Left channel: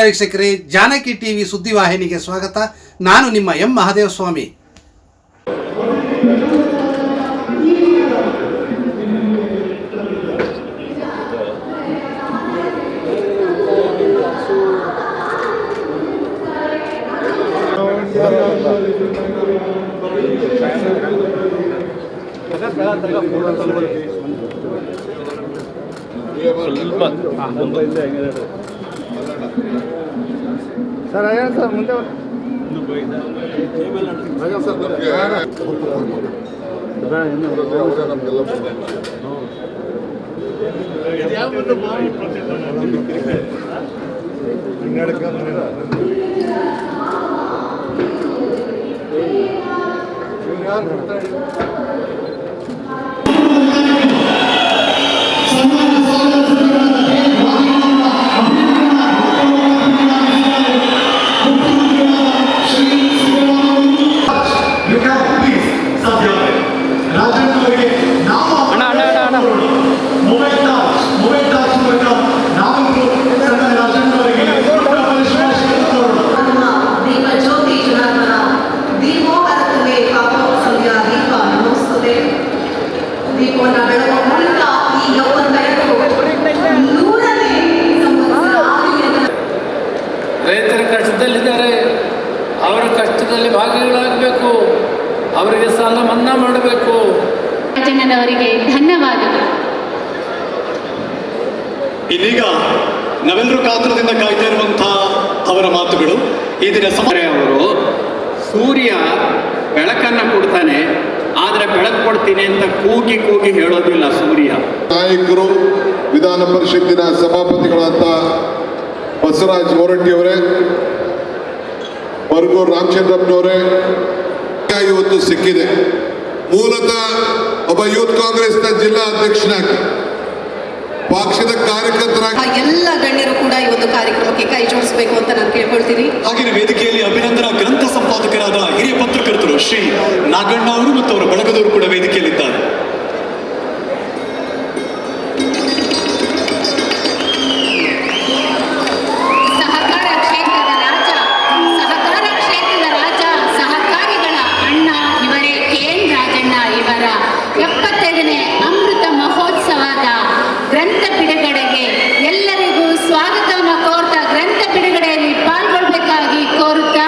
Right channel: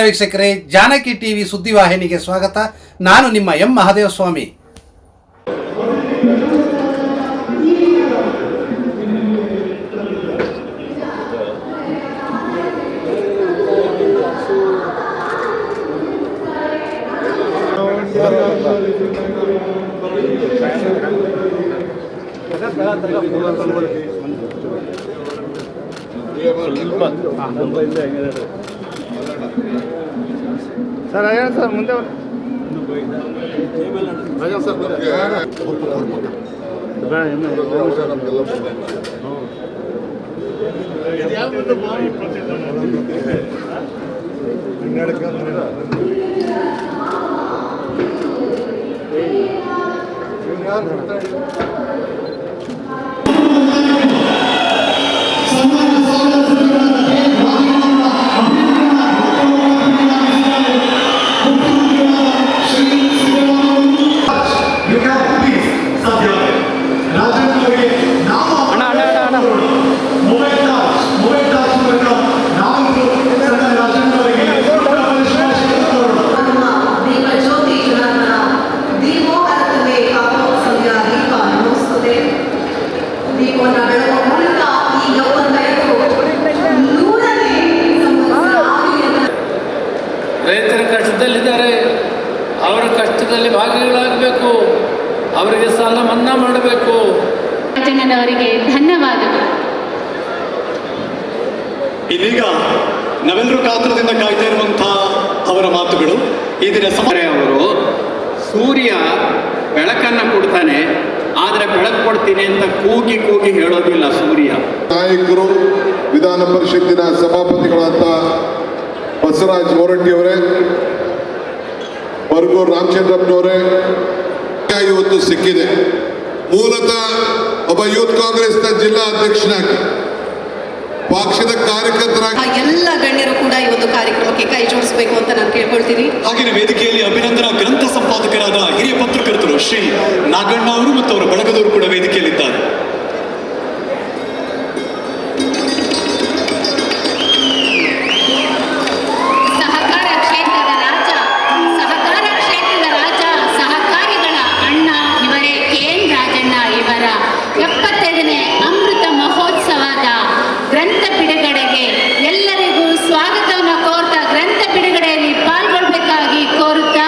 ನಮಸ್ಕಾರ ವೀಕ್ಷಕರೇ, ಜಾನಕಿ ಟಿವಿ ಸುದ್ದಿವಾಹಿನಿಗೆ ಸ್ವಾಗತ. ನಾನು ನಿಮ್ಮ ಎಂ ಮಹಾದೇವಸ್ವಾಮಿ. ಸರ್ ಅಯ್ಯ ಸರ್ ಮುಂದೆ ರೈತರ ಕಷ್ಟದಲ್ಲಿದ್ದಾರೆ, ಅವರ ಕಷ್ಟದಲ್ಲಿ ಭಾಗಿಗಳಾಗಬೇಕು, ಅವರಿಗೆ ಸಾಲ ಮನ್ನಾ ಮಾಡಬೇಕು. ರಾಜಣ್ಣನವರಿಗೆ ಧನ್ಯವಾದಗಳು. ಇದೀಗ ನಾವೆಲ್ಲರೂ ಕಾತುರದಿಂದ ಕಾಯ್ತಾ ಇರುವಂತಹ ಅವರ ಮಾತುಗಳು. ಈ ದಿನ ಅವರು ಸೂರ್ಯ ಬೆಳಕನ್ನು ಕೊಡ್ತಾನೆ, ಆದರೆ ಬೆಳಕು ಕೊಡ್ತೀನಿ ಅಂತ ಕೂಗಿ ಕೂಗಿ ಹೇಳೋದಿಲ್ಲ ಸೂರ್ಯ. ನಾಯಕರು, ವಿಧಾನ ಪರಿಷತ್ತಿನ ಸಭಾಪತಿಗಳಾದ ಬಸವರಾಜ್ ಹೊರಟ್ಟಿಯವರೇ, ಬರಗೂರು ರಾಮಚಂದ್ರಪ್ಪನವರೇ, ಇವತ್ತು ಸಿಕ್ಕಿದೆ. ಮೂಲತಃ ಒಬ್ಬ ಯೂತ್ ಕಾಂಗ್ರೆಸ್ನ ಜಿಲ್ಲಾ ಅಧ್ಯಕ್ಷನಾಗಿ, ಪಕ್ಷದ ಕಾರ್ಯಕರ್ತರಾಗಿ ಎಲ್ಲ ಗಣ್ಯರು ಕೂಡ ಈ ಒಂದು ಕಾರ್ಯಕ್ರಮಕ್ಕೆ ಕೈ ಜೋಡಿಸಬೇಕು ಅಂತ ನಾನು ಕೇಳ್ಕೊಳ್ತೀನಿ. ಹಾಗೆಯೇ ವೇದಿಕೆಯಲ್ಲಿ ಅಭಿನಂದನಾ ಗ್ರಂಥ ಸಂಪಾದಕರಾದ ಹಿರಿಯ ಪತ್ರಕರ್ತರು ಶ್ರೀ ನಾಗಣ್ಣ ಅವರು ಮತ್ತು ಅವರ ಬಳಗದವರು ಕೂಡ ವೇದಿಕೆಯಲ್ಲಿದ್ದಾರೆ. ಗ್ರಂಥ ಬಿಡುಗಡೆಗೆ ಎಲ್ಲರಿಗೂ ಸ್ವಾಗತವನ್ನು ಕೋರ್ತಾ ಗ್ರಂಥ ಬಿಡುಗಡೆಯಲ್ಲಿ ಪಾಲ್ಗೊಳ್ಳಬೇಕಾಗಿ ಕೋರುತ್ತಾ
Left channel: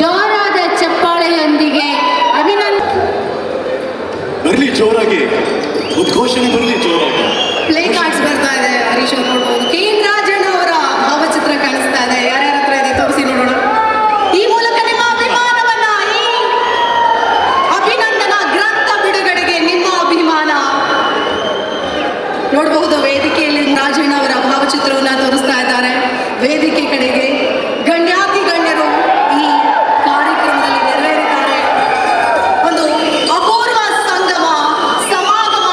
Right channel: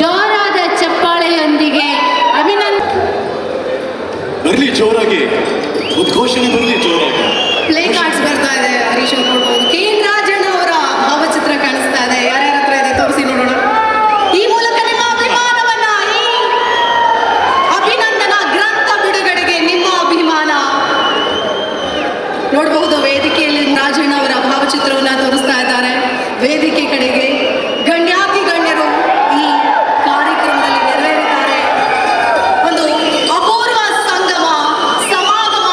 ಜೋರಾದ ಚಪ್ಪಾಳೆಯೊಂದಿಗೆ ಬರಲಿ, ಜೋರಾಗಿ ಉದ್ಘೋಷಣೆ ಬರಲಿ, ಜೋರಾಗಿ. ಪ್ಲೇ ಕಾರ್ಡ್ಸ್ ಬರ್ತಾ ಇದೆ, ಹರೀಶ್ ಅವರು ನೋಡ್ಬೋದು. ಕೆ ಎನ್ ರಾಜಣ್ಣ ಅವರ ಭಾವಚಿತ್ರ ಕಾಣಿಸ್ತಾ ಇದೆ. ಯಾರ್ಯಾರ ಹತ್ರ ಇದೆ ತೋರಿಸಿ ನೋಡೋಣ. ಈ ಮೂಲಕ ನಿಮ್ಮ ಅಭಿಮಾನವನ್ನ, ಈ ಅಭಿನಂದನಾ ಗ್ರಂಥ ಬಿಡುಗಡೆಗೆ ನಿಮ್ಮ ಅಭಿಮಾನ ನೋಡಬಹುದು. ವೇದಿಕೆಯಲ್ಲಿ ರಾಜಣ್ಣ ಅವರ ಭಾವಚಿತ್ರವನ್ನ ತೋರಿಸ್ತಾ ಇದ್ದಾರೆ. ವೇದಿಕೆ ಕಡೆಗೆ ಗಣ್ಯಾತಿ ಗಣ್ಯರು ಈ ಕಾರ್ಯಕ್ರಮದಲ್ಲಿ ನೆರವೇರಿದ್ದಾರೆ. ಒಂದು ಅಪೂರ್ವ ಸಂಗಮ ಸಮಾಗಮ,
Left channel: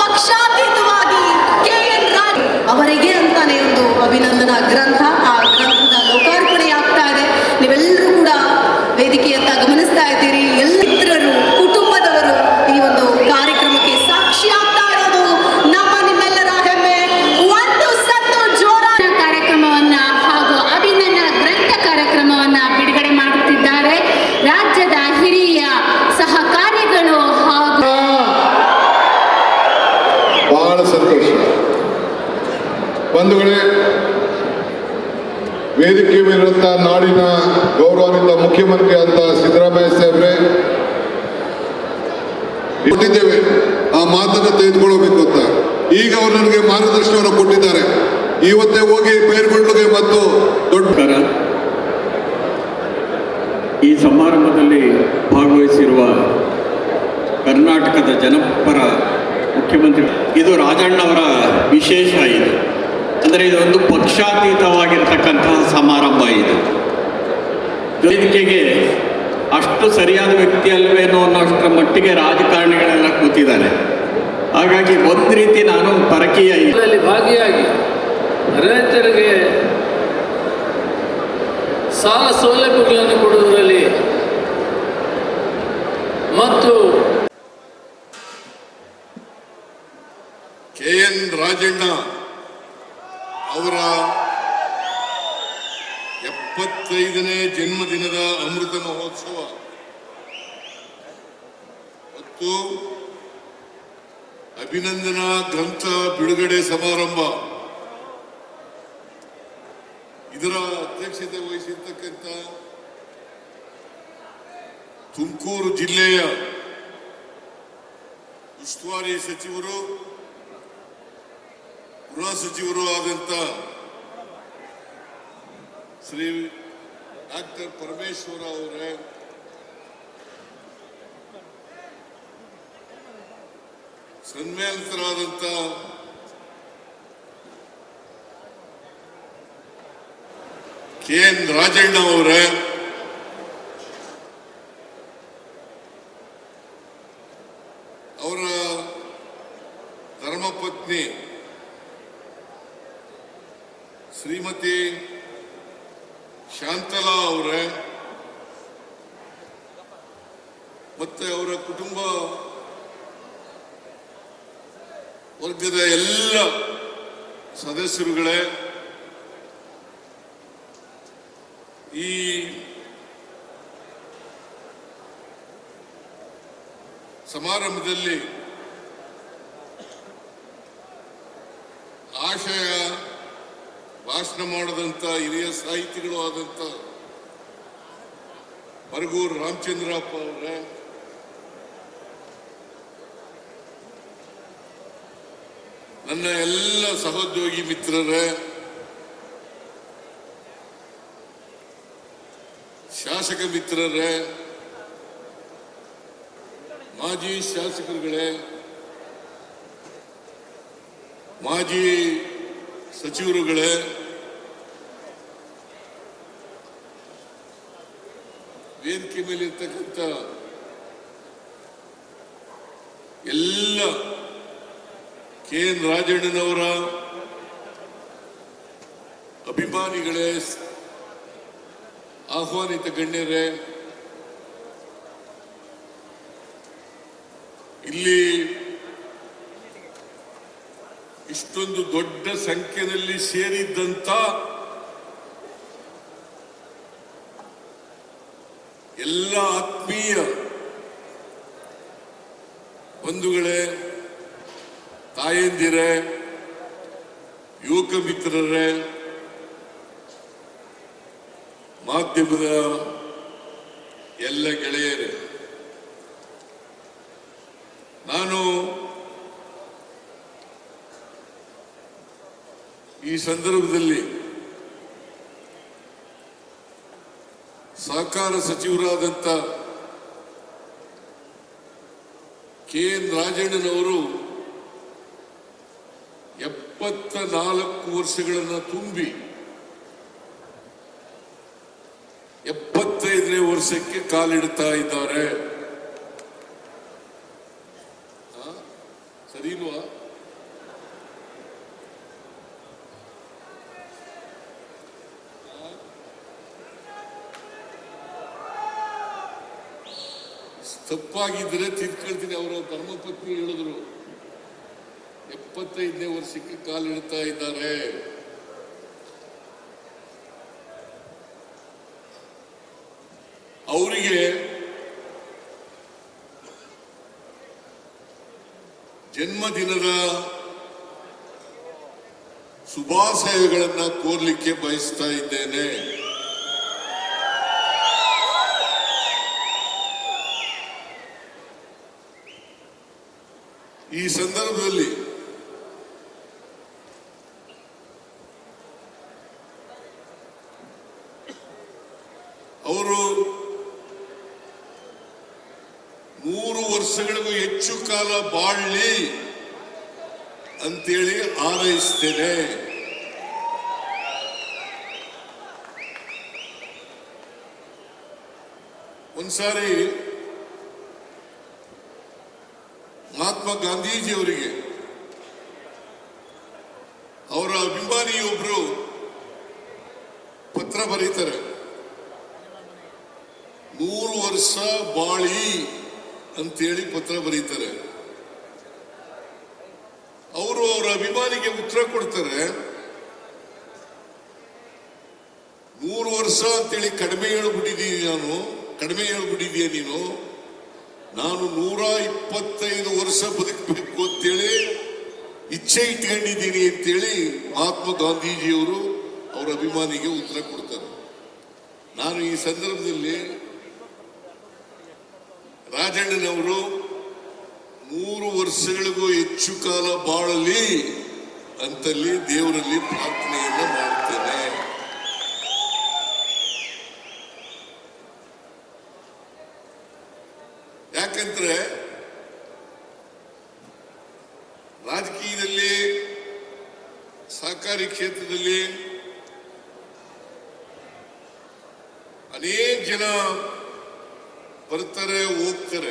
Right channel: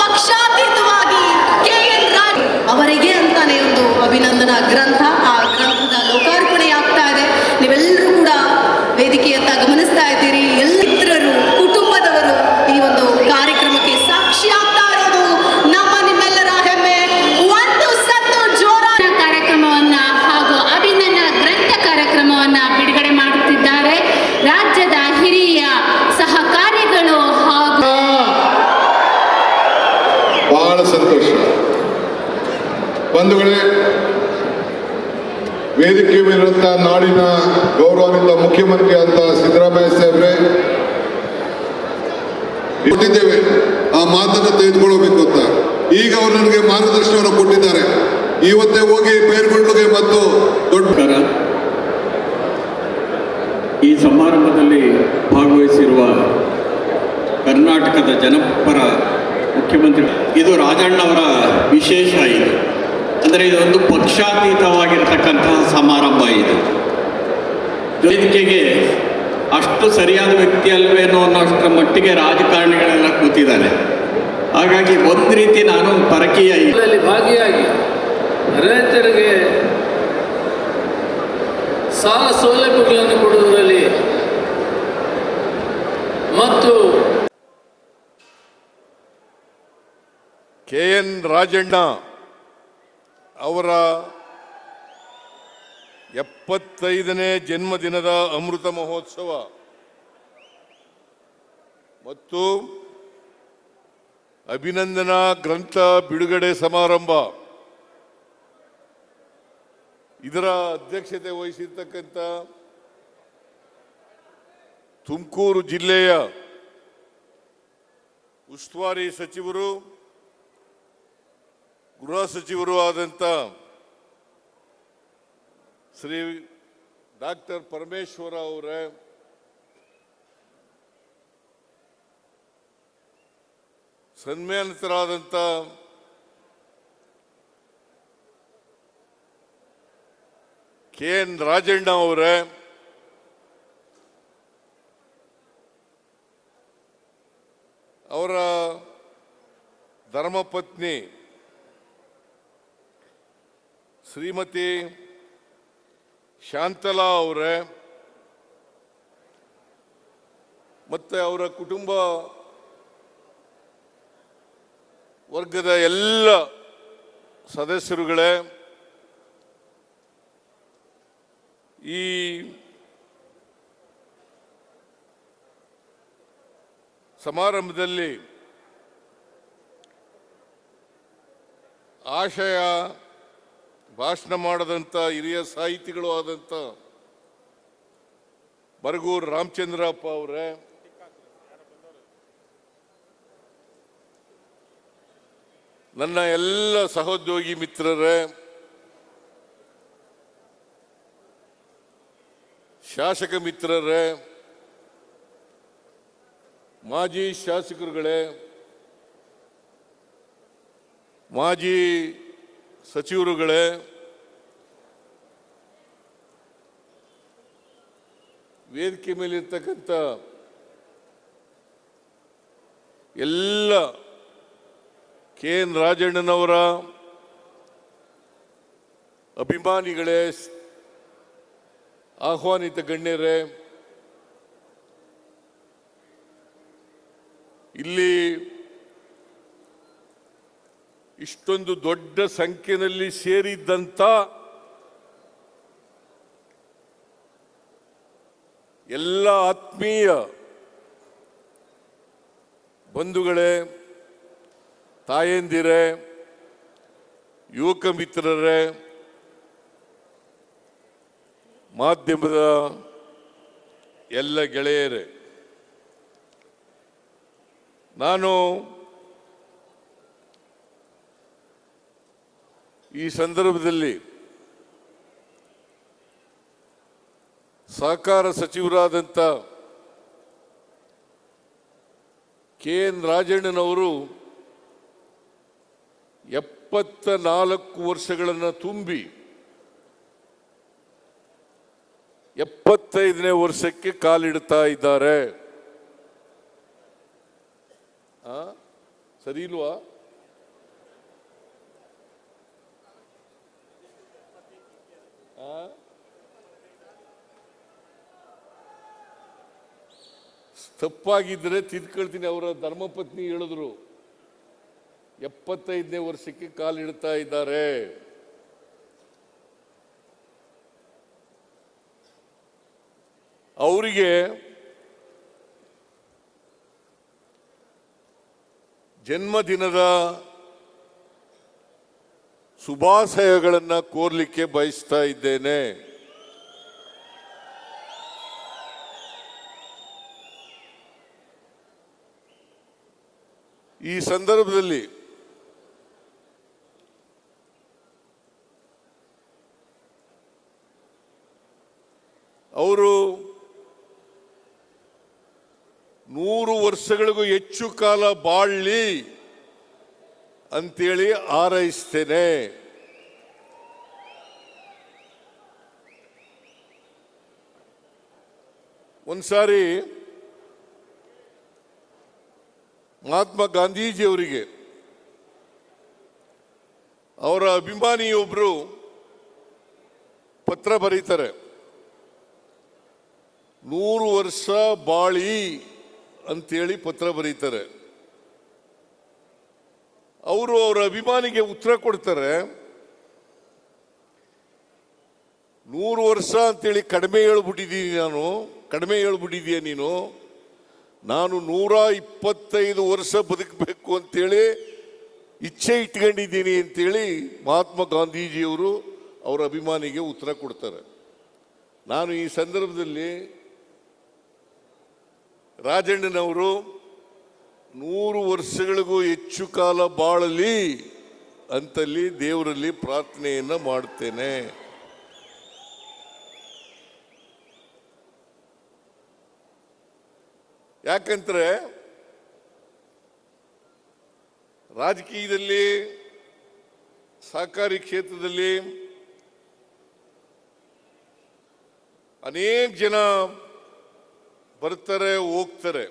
ಪಕ್ಷಾತೀತವಾಗಿ ಕೆ ಎನ್ ರಾಜ್ ಅವರಿಗೆ ಅಂತಾನೆ ಒಂದು ಅಭಿನಂದನಾ ಗ್ರಂಥ, ಆ ಗ್ರಂಥದ ಲೋಕಾರ್ಪಣೆಯಾಗ್ತಾ ಇದೆ. ನೀವೆಲ್ಲರೂ ಕೂಡ ವೇದಿಕೆಯತ್ತ ಗಮನಿಸ್ತಾ ಇದ್ದೀರಿ. ಎಲ್ಲ ಮಿತ್ರರು, ಕುಟುಂಬದವರು ಈ ಒಂದು ಕಾರ್ಯಕ್ರಮಕ್ಕೆ ಸಾಕ್ಷಿ ಆಗ್ತಾ ಇರೋದು ನಮ್ಮ ನಿಮ್ಮೆಲ್ಲರ ಹೆಮ್ಮೆ. ಒಂದು ಸತ್ತು ಜೋರಾದ ಕಾರ್ಯಕ್ರಮವನ್ನ ಹಾಗೂ ಅಭಿನಂದನಾ ಗ್ರಂಥ ಕಾರ್ಯಕ್ರಮವನ್ನ ಬಿಡುಗಡೆ ಮಾಡುತ್ತಿದ್ದಾರೆ ರಾಜ್ಯದ ಹಿರಿಯ ಸಹಕಾರಿಗಳು ಹಾಗೂ ಬಹಳ ಸಂತೋಷ. ಬಂಧುಗಳೇ, ವೇದಿಕೆ ಮೇಲಿರುವಂತಹ ನಾಡಿನ ಗೌರವಾನ್ವಿತ ಮುಖ್ಯಮಂತ್ರಿ ಅಂತ ಸಿದ್ದರಾಮಯ್ಯ ಸಾಹೇಬ್ರೆ ಕೊಟ್ಟಿದ್ದೇವೆ, ಆ ಮಾತನ್ನು ತೆಗೆದುಕೊಳ್ಳಬೇಕು ಅಂತ. ಈಗ ಅವರು ನನಗೆ ಮಾರ್ಗದರ್ಶನವನ್ನು ಕೊಟ್ಟಿದ್ದಾರೆ. ಇವತ್ತೇ ಹೋಗಿ ಪೈರುಗಳಿಗೆ ಮತ್ತು ದೊಡ್ಡ ಈ ಸಮಾರಂಭದಲ್ಲಿ ಭಾಗವಹಿಸಿರುವ ಕರ್ನಾಟಕದ ಜನಪರ ಮುಖ್ಯಮಂತ್ರಿ, ಇದು ರಾಜಣ್ಣವರ ವಿಶೇಷ. ಇದು ಅಂದರೆ ಇದೊಂದು ಪಕ್ಷಾತೀತವಾಗಿರ್ತಕ್ಕಂತಹ ಸಮಾರಂಭ. ಇದು ವೇದಿಕೆಗೆ ಅಷ್ಟು ಸರಿಯಾದ ವ್ಯಕ್ತಿ ಅಲ್ವೇನೋ ಅನ್ನೋಷ್ಟರ ಮಟ್ಟಿಗೆ ರಾಜಕಾರಣಿಗಳೆಲ್ಲ ಕೂತಿದ್ದಾರೆ. ಹಾಗಾಗಿ ಒಂದು ರೀತಿ ನಾನು ಪರಕೀಯ ಇದರಲ್ಲಿ ಭಾಗಿಯಾಗಿ ರೈತರಿಗೆ ಸಾಲ ಸೌಲಭ್ಯಗಳನ್ನು ಕೊಡುವುದರಲ್ಲಿ ಮತ್ತು ಕೆ ಎನ್ ರಾಜಣ್ಣ ಅವರ 75ನೇ ಜನ್ಮದಿನದ ಅಮೃತ ಮಹೋತ್ಸವ ಮತ್ತು ಅಭಿನಂದನಾ ಗ್ರಂಥ ಬಿಡುಗಡೆ ಸಮಾರಂಭ ಇದರ ಅಧ್ಯಕ್ಷತೆ ವಹಿಸಿರ್ತಕ್ಕಂಥ ತುಮಕೂರು ಜಿಲ್ಲೆಯ ಉಸ್ತುವಾರಿ ಸಚಿವರು ಗೃಹ ಸಚಿವರು ಆದಂತ ಶ್ರೀ ಡಾಕ್ಟರ್ ಪರಮೇಶ್ವರ ಅವರೇ, ಸನ್ಮಾನಿತರಾದಂತ ಕೆ.ಎನ್. ರಾಜಣ್ಣ ಅವರೇ, ಅವರ ಧರ್ಮಪತ್ನಿ ಶ್ರೀಮತಿ ಶಾಂತಲಾ ಅವರೇ ಮತ್ತೆ ಅವರ ಕುಟುಂಬ ವರ್ಗದ ಎಲ್ಲ ಸದಸ್ಯರುಗಳೇ, ಈ ಸಮಾರಂಭದಲ್ಲಿ ಆಶಯ ಭಾಷಣ ಮಾಡದಂತ ಹಿರಿಯ ಸಾಹಿತಿಗಳು ಆದಂತ ಬರಗೂರು ರಾಮಚಂದ್ರಪ್ಪ ಅವರೇ, ನನ್ನ ಎಲ್ಲ ಸಹೋದ್ಯೋಗಿ ಮಿತ್ರರೇ, ಶಾಸಕ ಮಿತ್ರರೇ, ಮಾಜಿ ಶಾಸಕರುಗಳೇ, ಮಾಜಿ ಸಚಿವರುಗಳೇ, ವೇದಿಕೆ ಮೇಲೆ ಇರತಕ್ಕಂಥ ಎಲ್ಲ ಕೆ.ಎನ್. ರಾಜಣ್ಣನವರ ಅಭಿಮಾನಿಗಳೇ, ಆಹ್ವಾನಿತ ಗಣ್ಯರೇ, ಇಲ್ಲಿ ಇಷ್ಟೊಂದು ದೊಡ್ಡ ಸಂಖ್ಯೆಯಲ್ಲಿ ಸೇರಿದಂತ ಎಲ್ಲ ಆತ್ಮೀಯ ಬಂಧುಗಳೇ, ತಾಯಂದಿರೇ, ಯುವಕ ಮಿತ್ರರೇ, ಮಾಧ್ಯಮದ ಎಲ್ಲ ಗೆಳೆಯರೇ, ನಾನು ಈ ಸಂದರ್ಭದಲ್ಲಿ ಸಹಕಾರ ಸಚಿವರಾದಂತ ಕೆ.ಎನ್. ರಾಜಣ್ಣನವರು 74 ವರ್ಷಗಳನ್ನು ತುಂಬಿ 75ನೇ ವರ್ಷಕ್ಕೆ ಕಾಲಿಡ್ತಾ ಇದ್ದಾರೆ. ಸರಿವಾ? ತಪ್ಪಾಗಿದ್ದರೆ ತಿಳ್ಕೊಳ್ತೀನಿ. ಅವರ ಧರ್ಮಪತ್ನಿ ಹೇಳಿದ್ರು 75ನೇ ವರ್ಷಕ್ಕೆ ಕಾಲಿಡ್ತಾ ಇದ್ದಾರೆ. ಅವರಿಗೆ ಜನ್ಮದಿನದ ಶುಭಾಶಯಗಳನ್ನು ಕೋರಲಿಕ್ಕೆ ಬಯಸ್ತಾ ಇದ್ದೇನೆ. ಈ ಸಂದರ್ಭದಲ್ಲಿ ಅವರು 100 ವರ್ಷಗಳಿಗೂ ಹೆಚ್ಚು ಕಾಲ ಬಾಳಲಿ ಅಂತೇಳಿ ಹಾರೈಸ್ತೇನೆ. ಒಂದ್ಸಾರಿ ಮಹಾತ್ಮ ಗಾಂಧೀಜಿಯವರಿಗೆ ಅವರ ಅಭಿಮಾನಿಯೊಬ್ಬರು ಪತ್ರ ಬರೀತಾರೆ, 100 ವರ್ಷ ಬಾಳಿ ಅಂತೇಳಿ ಪತ್ರ ಬರೀತಾರೆ. ಅವರು ಅವರ ಅಭಿಮಾನಿಗೆ ಉತ್ತರ ಕೊಡ್ತಾರೆ, 100 ಕಡಿಮೆ ಹೇಳ್ಬಿಟ್ಟಿದೀಯ ನೀನು. ನಾನು 125 ವರ್ಷ ಬದುಕಬೇಕು ಅಂತೇಳಿ ಇಚ್ಛೆ ಇಟ್ಕೊಂಡಿದ್ದೀನಿ ಅಂತೇಳಿ ಮಹಾತ್ಮ ಗಾಂಧೀಜಿಯವರು ಅವರ ಅಭಿಮಾನಿಗೆ ಉತ್ತರ ಕೊಡ್ತಾರೆ. ನಾನು ಈ ಸಂದರ್ಭದಲ್ಲಿ ರಾಜಣ್ಣನವರು 100 ವರ್ಷಗಳಿಗೂ ಹೆಚ್ಚು ಕಾಲ ಬಾಳಲಿ ಅಂತಲ್ಲಿ ದೇವರಲ್ಲಿ ಪ್ರಾರ್ಥನೆಯನ್ನ ಮಾಡ್ತೇನೆ. ಯಾಕಂದ್ರೆ ರಾಜಕೀಯದಲ್ಲಿ, ಸಹಕಾರಿ ಕ್ಷೇತ್ರದಲ್ಲಿ ಅನೇಕ ಜನ ಬರ್ತಾರೆ, ಹೋಗ್ತಾರೆ.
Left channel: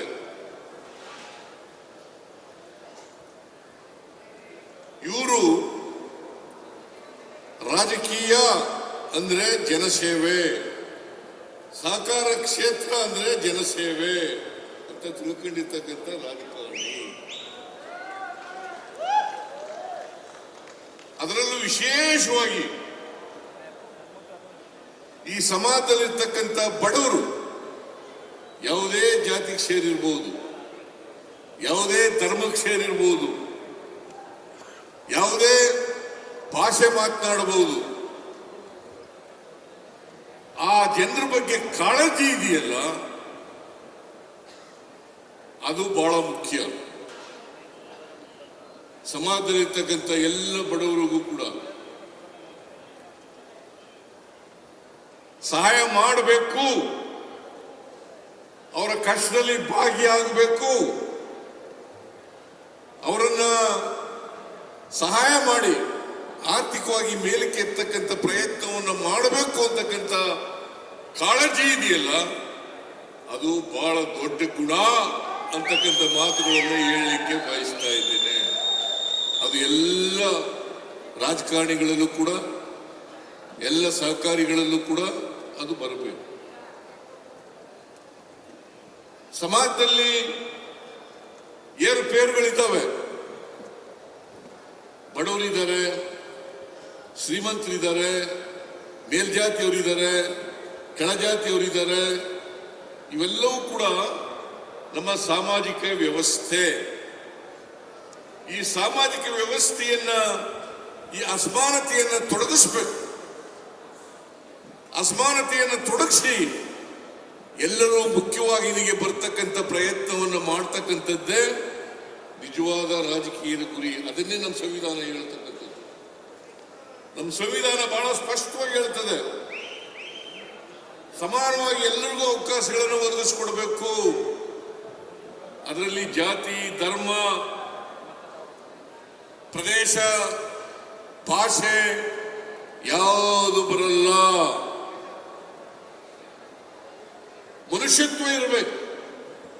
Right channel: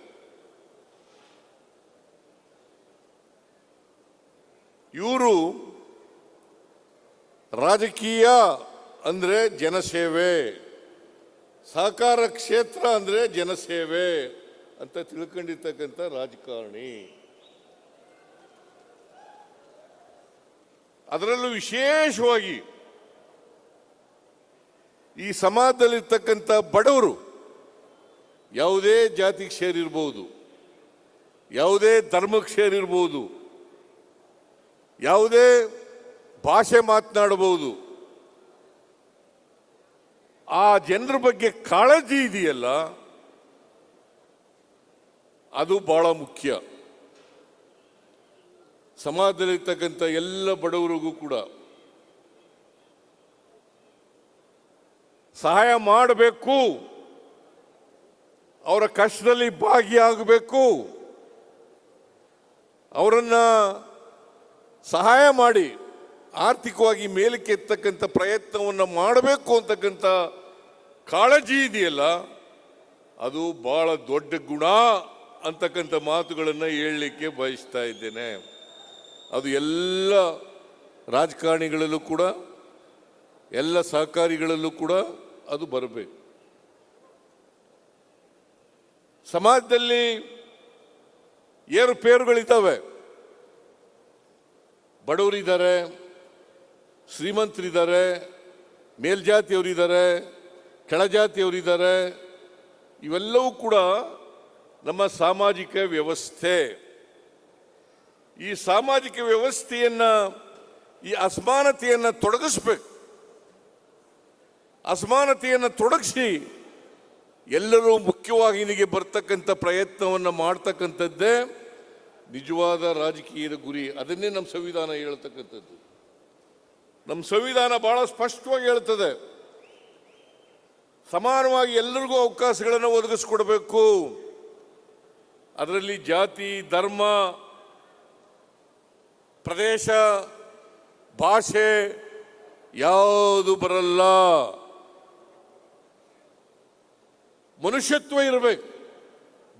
ಇವರು ರಾಜಕೀಯ ಅಂದ್ರೆ ಜನಸೇವೆ, ಸಹಕಾರ ಕ್ಷೇತ್ರ ಅಂದ್ರೆ ಜನಸೇವೆ ಅಂತ ತಿಳ್ಕೊಂಡಿರ್ತಕ್ಕಂಥ ರಾಜಕಾರಣಿ. ಅದರಲ್ಲೂ ವಿಶೇಷವಾಗಿ ಈ ಸಮಾಜದಲ್ಲಿರ್ತಕ್ಕಂಥ ಬಡವರು, ಯಾವುದೇ ಜಾತಿಗೆ ಸೇರಿರ್ಬೋದು, ಯಾವುದೇ ಧರ್ಮಕ್ಕೆ ಸೇರಿರ್ಬೋದು, ಯಾವುದೇ ಭಾಷೆ ಮಾತನಾಡಬಹುದು, ಆ ಜನರ ಬಗ್ಗೆ ಕಾಳಜಿ ಇದೆಯಲ್ಲ, ಅದು ಬಹಳ ಮುಖ್ಯ. ಸಮಾಜದಲ್ಲಿರ್ತಕ್ಕಂಥ ಎಲ್ಲ ಬಡವರಿಗೂ ಕೂಡ ಸಹಾಯ ಮಾಡಬೇಕು, ಅವರ ಕಷ್ಟದಲ್ಲಿ ಭಾಗಿಯಾಗಬೇಕು, ಅವರನ್ನ ಸಹಾಯ ಮಾಡಿ ಆರ್ಥಿಕವಾಗಿ ಮೇಲಕ್ಕೆ ಎತ್ತಕ್ಕಂಥ ಪ್ರಯತ್ನವನ್ನು ಮಾಡಬೇಕು ಅಂತಕ್ಕಂಥ ಕಾಳಜಿ ಇದೆಯಲ್ಲ, ಅದು ಬಹಳ ದೊಡ್ಡ ಗುಣ ಅಂತಕ್ಕಂಥ ಮಾತುಗಳನ್ನು ಹೇಳಲಿಕ್ಕೆ ಬಯಸ್ತಾ ಇದ್ದೇನೆ. ಅದು ಎಲ್ಲ ರಾಜಕಾರಣಿಗಳಲ್ಲೂ ಕೂಡ, ಎಲ್ಲ ಸಹಕಾರಿಗಳಲ್ಲೂ ಕೂಡ ಅದು ಬರಬೇಕು. ಸಮಾಜದಲ್ಲಿ ಏರುಪೇರುಗಳಿದ್ದಾವೆ. ಬಡವರಿದ್ದಾರೆ, ಶ್ರೀಮಂತರಿದ್ದಾರೆ, ಮೇಲ್ಜಾತಿಯವರಿದ್ದಾರೆ, ಕೆಳಜಾತಿಯವರಿದ್ದಾರೆ. ಇವೆಲ್ಲವೂ ಕೂಡ ನಮ್ಮ ಸಾಮಾಜಿಕ ವ್ಯವಸ್ಥೆ. ಈ ಸಾಮಾಜಿಕ ವ್ಯವಸ್ಥೆಯನ್ನ, ಈ ಅಸಮಾನತೆಯನ್ನ ತೊಡಗಿಸಬೇಕು. ಅಸಮಾನತೆಯನ್ನು ತೊಡಗಿಸಿ ಎಲ್ಲರೂ ಮುಖ್ಯವಾಗಿ ಇಲ್ಲಿಗೆ ಬರತಕ್ಕಂಥ ಪ್ರಯತ್ನವನ್ನು ಮಾಡತಕ್ಕಂಥದ್ದೇ ನಿಜವಾದ ರಾಜಕೀಯದ ಗುರಿ. ಅಲ್ಲದೆ ನಮ್ಮ ಸಂವಿಧಾನ ಹೇಳ್ತದೆ. ನಮ್ಮ ಸಂವಿಧಾನ ಬಹಳ ಸ್ಪಷ್ಟವಾಗಿ ಹೇಳ್ತದೆ, ಸಮಾನವಾಗಿ ಎಲ್ಲರಿಗೂ ಅವಕಾಶಗಳನ್ನು ಒದಗಿಸಿಕೊಡಬೇಕು. ಅದರಲ್ಲಿ ಜಾತಿ, ಧರ್ಮ, ಪ್ರದೇಶ, ಭಾಷೆ ಯಾವುದು ಬರಲ್ಲ. ಮನುಷ್ಯತ್ವ ಇರಬೇಕು.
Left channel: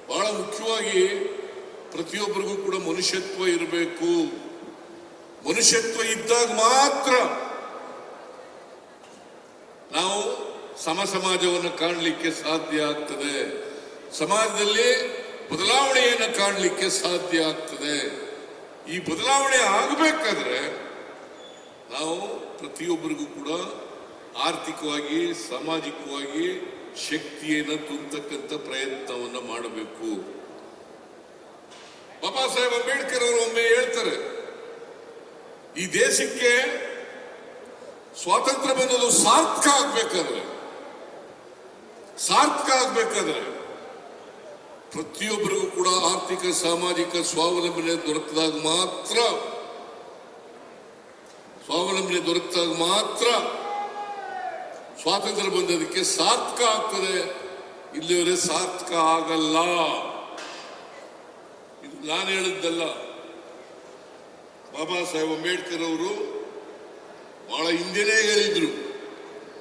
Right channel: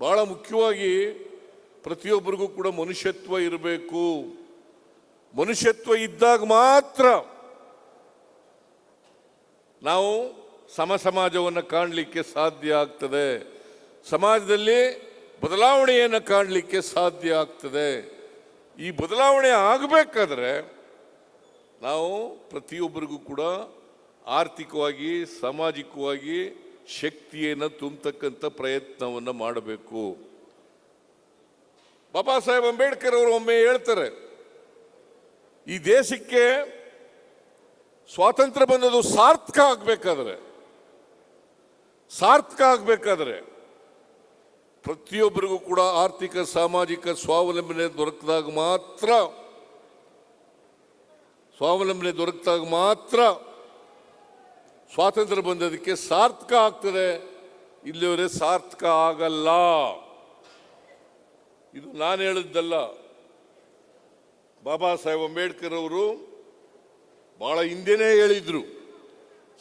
ಬಹಳ ಮುಖ್ಯವಾಗಿ ಪ್ರತಿಯೊಬ್ಬರಿಗೂ ಕೂಡ ಮನುಷ್ಯತ್ವ ಇರಬೇಕು. ಮನುಷ್ಯತ್ವ ಇದ್ದಾಗ ಮಾತ್ರ ನಾವು ಸಮಾಜವನ್ನು ಕಾಣಲಿಕ್ಕೆ ಸಾಧ್ಯ ಆಗ್ತದೆ. ಸಮಾಜದಲ್ಲಿ ಬದಲಾವಣೆಯನ್ನು ಕಾಣಲಿಕ್ಕೆ ಸಾಧ್ಯ ಆಗ್ತದೆ. ಈ ಬದಲಾವಣೆ ಆಗಬೇಕಾದ್ರೆ ನಾವು ಪ್ರತಿಯೊಬ್ಬರಿಗೂ ಕೂಡ ಆರ್ಥಿಕವಾಗಿ, ಸಾಮಾಜಿಕವಾಗಿ ಶಕ್ತಿಯನ್ನು ತುಂಬತಕ್ಕಂಥ ಪ್ರಯತ್ನವನ್ನು ಮಾಡಬೇಕು. ಬಾಬಾ ಸಾಹೇಬ್ ಅಂಬೇಡ್ಕರ್ ಒಮ್ಮೆ ಹೇಳ್ತಾರೆ, ಈ ದೇಶಕ್ಕೆ ಸ್ವಾತಂತ್ರ್ಯ ಬಂದದ್ದು ಸಾರ್ಥಕ ಆಗ್ಬೇಕಾದ್ರೆ ಪ್ರತಿಯೊಬ್ಬರಿಗೂ ಕೂಡ ಆರ್ಥಿಕ, ಸಾಮಾಜಿಕ ಸ್ವಾವಲಂಬನೆ ದೊರೆತಾಗ ಮಾತ್ರ ಸ್ವಾತಂತ್ರ್ಯ ಬಂದದಕ್ಕೆ ಸಾರ್ಥಕ ಆಗ್ತದೆ. ಇಲ್ಲಿವರೆಗೆ ಸಾರ್ಥಕ ಆಗಲ್ಲ. ಇದು ನಾನು ಹೇಳಿದ್ದಲ್ಲ, ಬಾಬಾ ಸಾಹೇಬ್ ಅಂಬೇಡ್ಕರ್ ಅವರು ಬಹಳ ಹಿಂದೆನೇ ಹೇಳಿದ್ರು.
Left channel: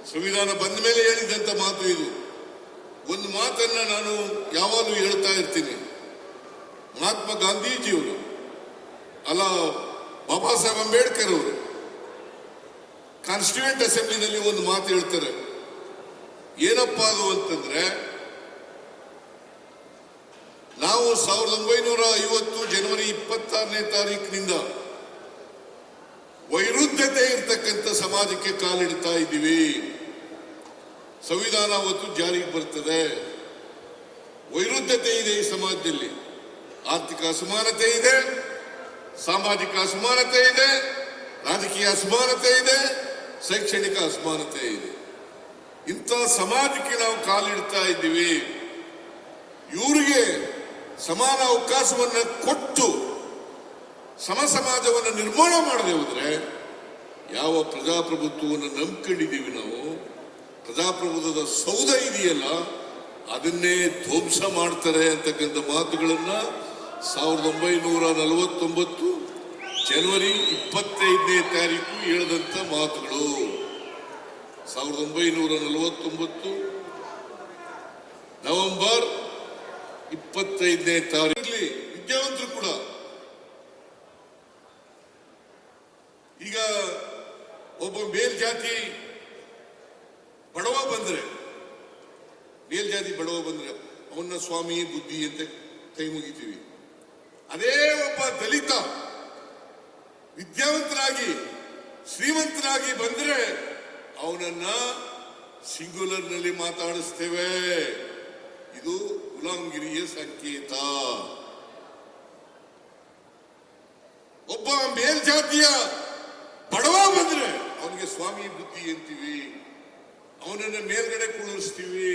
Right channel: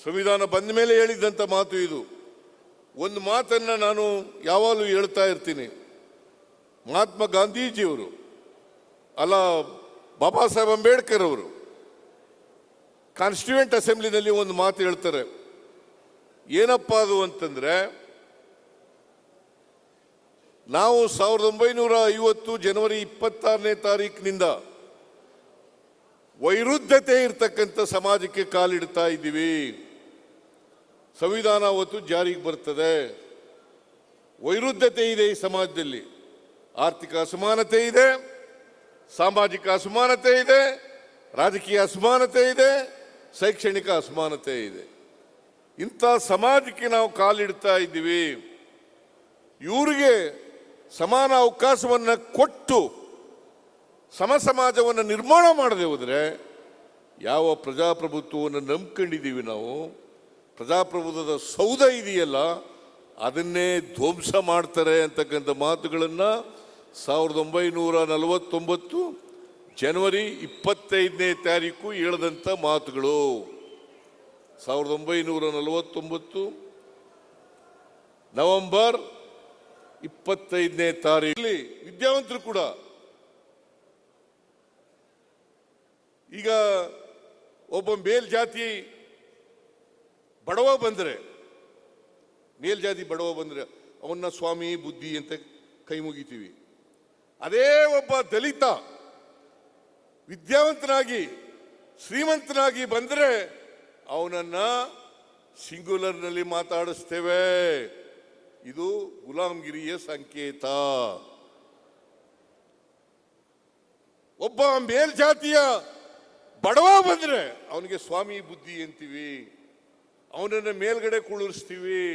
ಸಂವಿಧಾನ ಬಂದ ಮೇಲೆ ಹೇಳಿದ್ದಂತ ಮಾತು ಇದು. ಒಂದು ಮಾತನ್ನ ನಾನು ಯಾವಾಗಲೂ ಹೇಳ್ತಾ ಇರ್ತೀನಿ. ಮಹಾತ್ಮ ಗಾಂಧೀಜಿಯವರು ಅಲ್ಲ, ಬಾಬಾ ಸಾಹೇಬ್ ಅಂಬೇಡ್ಕರ್ ಅವರು ಕಾನ್ಸ್ಟಿಟ್ಯೂಂಟ್ ಅಸೆಂಬ್ಲಿನಲ್ಲಿ ಒಂದು ಮಾತು ಹೇಳ್ತಾರೆ. ಏನಪ್ಪ ಅದು ಅಂತಂದ್ರೆ, ನಾವು 1950 ಜನವರಿ 26ನೇ ತಾರೀಕಿನಿಂದ ವೈರುಧ್ಯತೆ ಇರ್ತಕ್ಕಂಥ ಸಮಾಜಕ್ಕೆ ಕಾಲಿಡ್ತಾ ಇದ್ದೀವಿ. ಸಂವಿಧಾನ ಅವತ್ತು ಜಾರಿಗೆ ಬರುತ್ತದೆ. ವೈರುಧ್ಯತೆ ಇದೆ ಈ ಸಮಾಜದಲ್ಲಿ. ಆರ್ಥಿಕ ಅಸಮಾನತೆ ಇದೆ, ಸಾಮಾಜಿಕ ಅಸಮಾನತೆ ಇದೆ, ರಾಜಕೀಯ ಅಸಮಾನತೆ ಇದೆ, ಶೈಕ್ಷಣಿಕ ಅಸಮಾನತೆ ಇದೆ. ಇಂಥ ಸಮಾಜಕ್ಕೆ ನಾವು ಕಾಲಿಡ್ತಾ ಇದ್ದೀವಿ. ಇವರಿಗೆ ಸಮಾನ ಅವಕಾಶವನ್ನ ಕೊಟ್ಟು ಸಮ ಸಮಾಜವನ್ನು ನಿರ್ಮಾಣ ಮಾಡಬಹುದ್ರೆ ಯಾವ ಪ್ರಜಾಪ್ರಭುತ್ವವನ್ನು ನಂಬಿಕೊಂಡಿದ್ದೀವಿ ನಾವು, ಪ್ರಜಾಪ್ರಭುತ್ವದ ಸೌಧ ಇದೆಯಲ್ಲ ಅದನ್ನೇ ಧ್ವಂಸ ಮಾಡ್ತಾರೆ ಅಂತಕ್ಕಂಥ ಮಾತುಗಳನ್ನ 1949 ಜನವರಿ 25ನೇ ತಾರೀಕು ಹೇಳಿದಂತ ಮಾತುಗಳು. 1949 ನವೆಂಬರ್ 25ನೇ ತಾರೀಕು ವಿದ್ಯಾವಂತರು ಕೂಡ ಈಗ ಒಬ್ಬ ಮೇಲ್ಜಾತಿ ಬಡವ ಬಂದರೆ ಅವನ್ನ ಸ್ವಾಮಿ ಬುದ್ಧಿ ಅಂತ ಕೈ ಮುಗಿತೀವಿ. ಅದೇ ಒಬ್ಬ ದಲಿತ ವಿದ್ಯಾವಂತನಾಗಿ ಶ್ರೀಮಂತನಾಗಿ ಬಂದರೆ ಅವನನ್ನ ಸಿಂಗುಲರ್ನಲ್ಲಿ ಮಾತಾಡಿಸ್ತೇವೆ. ಇದು ಗುಲಾಮಗಿರಿಯ ಸಂಕೇತ. ಒಬ್ಬ ಮೇಲ್ಜಾತಿಯ ಬಡವ ಬಂದರೆ ಅವನಿಗೆ ಸ್ವಾಮಿ ಬುದ್ಧಿ ಅಂತೀವಿ, ಅವನನ್ನ ಮೇಲ್ಗಡೆ ಕೂಡಿಸ್ತೀವಿ.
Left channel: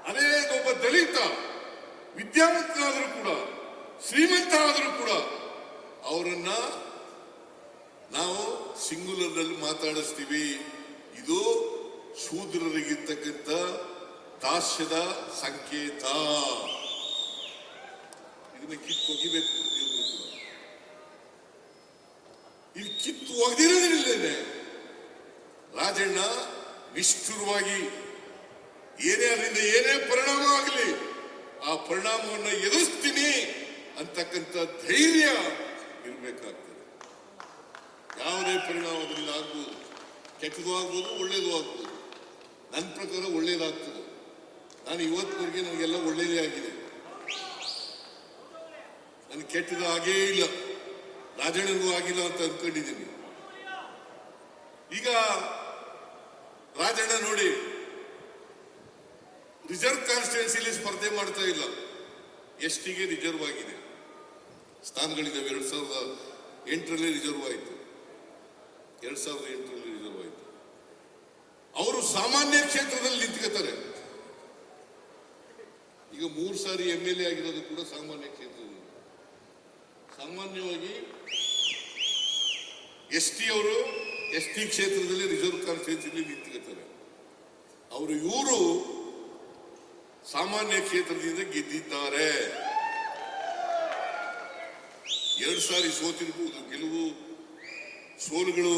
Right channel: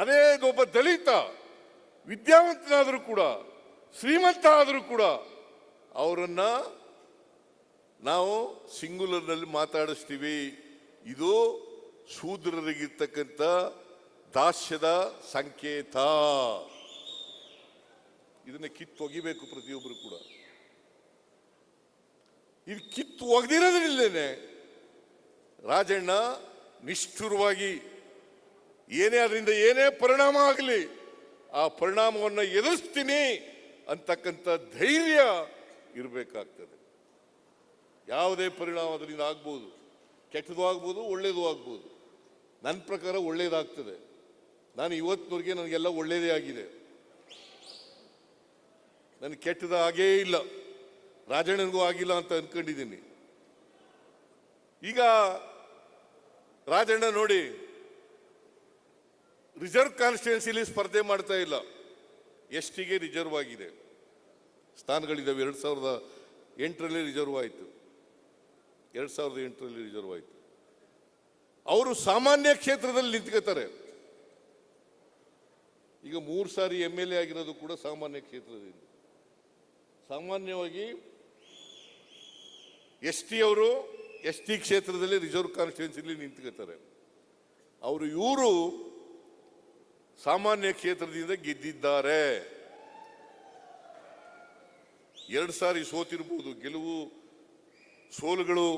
ಅದೇ ಒಬ್ಬ ದಲಿತ ವಿದ್ಯಾವಂತನಾದರೂ ಕೂಡ ಶ್ರೀಮಂತ ಆದರೂ ಕೂಡ ಅವರನ್ನ ನಾವು ಸಿಂಗುಲರ್ನಲ್ಲಿ ಮಾತಾಡಿಸ್ತೀವಿ. ಇದು ಶೂದ್ರರಿಗಿರ್ತಕ್ಕಂಥ ದಾಸ್ಯದ ಸಂಕೇತ. ಇದನ್ನ ಕಿತ್ತು ಒಗಿಬೇಕು. ಇದು ಕಿತ್ತು ಒಗೆದಿರಲಿಲ್ಲ. ರಾಜಣ್ಣ ನಿಷ್ಠುರವಾಗಿ ಏನೇ ಅದರಿಂದ ಏನೇ ಪರಿಣಾಮ ಆಗಲಿ ಆ ಪರಿಣಾಮವನ್ನು ಎದುರಿಸ್ತೀನಿ ಅಂತಕ್ಕಂಥ ಧೈರ್ಯ ಇರಬೇಕಾಗ್ತದೆ. ಯಾವುದೇ ಪರಿಣಾಮದಿಂದ ಆಗ್ಬೋದು, ಕೆಟ್ಟಗೂ ಆಗ್ಬೋದು, ಒಳ್ಳೇದು ಆಗ್ಬೋದು. ನನ್ನ ಪ್ರಕಾರ ಒಳ್ಳೇದಾಗ್ತದೆ. ನಾನು ಇವತ್ತಿಗೆ ನನಗೆಲ್ಲ ಒಳ್ಳೇದೇ ಆಗಿದೆ, ನನ್ಗೆ ಕೆಟ್ಟದ ಹಾಗೇ ಇಲ್ಲ, ರಾಜನಿಗೂ ಆಗಿಲ್ಲ ಅಂತ ಅನ್ಕೊಂಡಿದ್ದೀನಿ. ಈಗ ರಾಜಣ್ಣ ನೋಡಿ ರಿಸರ್ವ್ ಕಾನ್ಸ್ಟಿಟ್ಯೂನ್ಸಿ ಸ್ಪರ್ಧೆ ಮಾಡ್ತಾ ಇಲ್ಲ. ಎಸ್ಟಿಗೆ ರಿಸರ್ವ್ ಆಗಿದೆ, ಸ್ಥಾನಗಳಿವೆ. 2008ರಲ್ಲಿ ರಿಸರ್ವ್ ಆಯಿತು, 2008ರಲ್ಲಿ ರಿಸರ್ವ್ ಆಯಿತು. ಅವರು ಸಾಮಾನ್ಯ ಕ್ಷೇತ್ರದಲ್ಲಿ ನಿಂತಿರ್ತಾರೆ. ಈಗ 3 ಸಾರಿ MLA ಆಗಿರೋದು ಕೂಡ ಸಾಮಾನ್ಯ ಕ್ಷೇತ್ರದಲ್ಲಿ. ಸಾಮಾನ್ಯವಾಗಿ ಎಸ್ಟಿ ಅವರು ಎಸ್ಟಿ ಕ್ಷೇತ್ರದಲ್ಲಿ ರಿಸರ್ವ್ ಕಾನ್ಸ್ಟಿಟ್ಯೂನ್ಸಿ ನಿಂತಿರ್ತಾರೆ. ಇವರು ಸಾಮಾನ್ಯ ಕ್ಷೇತ್ರದಿಂದ ಗೆದ್ದಿದ್ದಾರೆ. 2 ಸಾರಿ ಗೆಲುವು ಸೋಲುಗಳು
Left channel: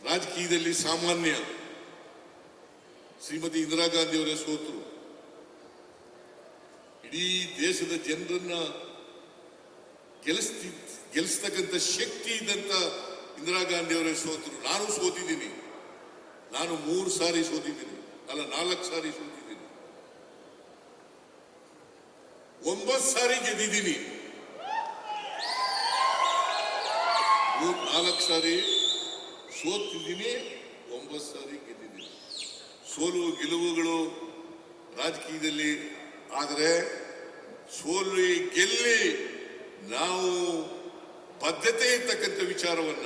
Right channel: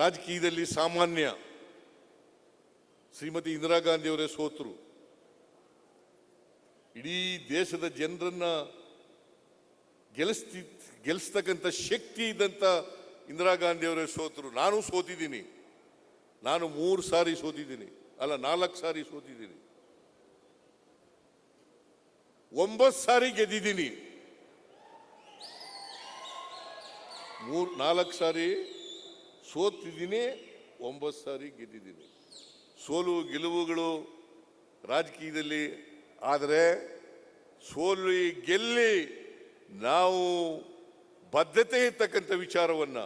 ರಾಜಕೀಯದಲ್ಲಿ ಸಾಮಾನ್ಯ. ಶ್ರೀಮತಿ ಇಂದಿರಾ ಗಾಂಧಿ ಅವರ ಸೋಲು ಇಡೀ ದೇಶದ ಜನರನ್ನ ಗೆಲ್ಲಿಸತಕ್ಕಂಥ ಶಕ್ತಿ ಇದ್ದಂತ ಇಂದಿರಾ ಗಾಂಧಿ ಅವರ ಸೋಲು. ನಾನು ಸೋತಿದ್ದೀನಿ, ನಾನು 3 ಸಾರಿ ಸೋತಿದ್ದೀನಿ, ಅಲ್ಲ 4 ಸಾರಿ ಸೋತಿದ್ದೀನಿ, 9 ಸಾರಿ ಗೆದ್ದಿದ್ದೀವಿ. 4 ಸಾರಿ ಸೋತಿದ್ದೀನಿ, 9 ಸಾರಿ ಗೆದ್ದಿದ್ದೀನಿ. ಸೋಲು ಗೆಲುವುಗಳು ರಾಜಕೀಯದಲ್ಲಿ. ಆದರೆ ಸೋಲು ಗೆಲ್ಲಿ ನಾವು ಬದ್ಧತೆ ಇರ್ತಕ್ಕಂಥ ವಿಚಾರವನ್ನ,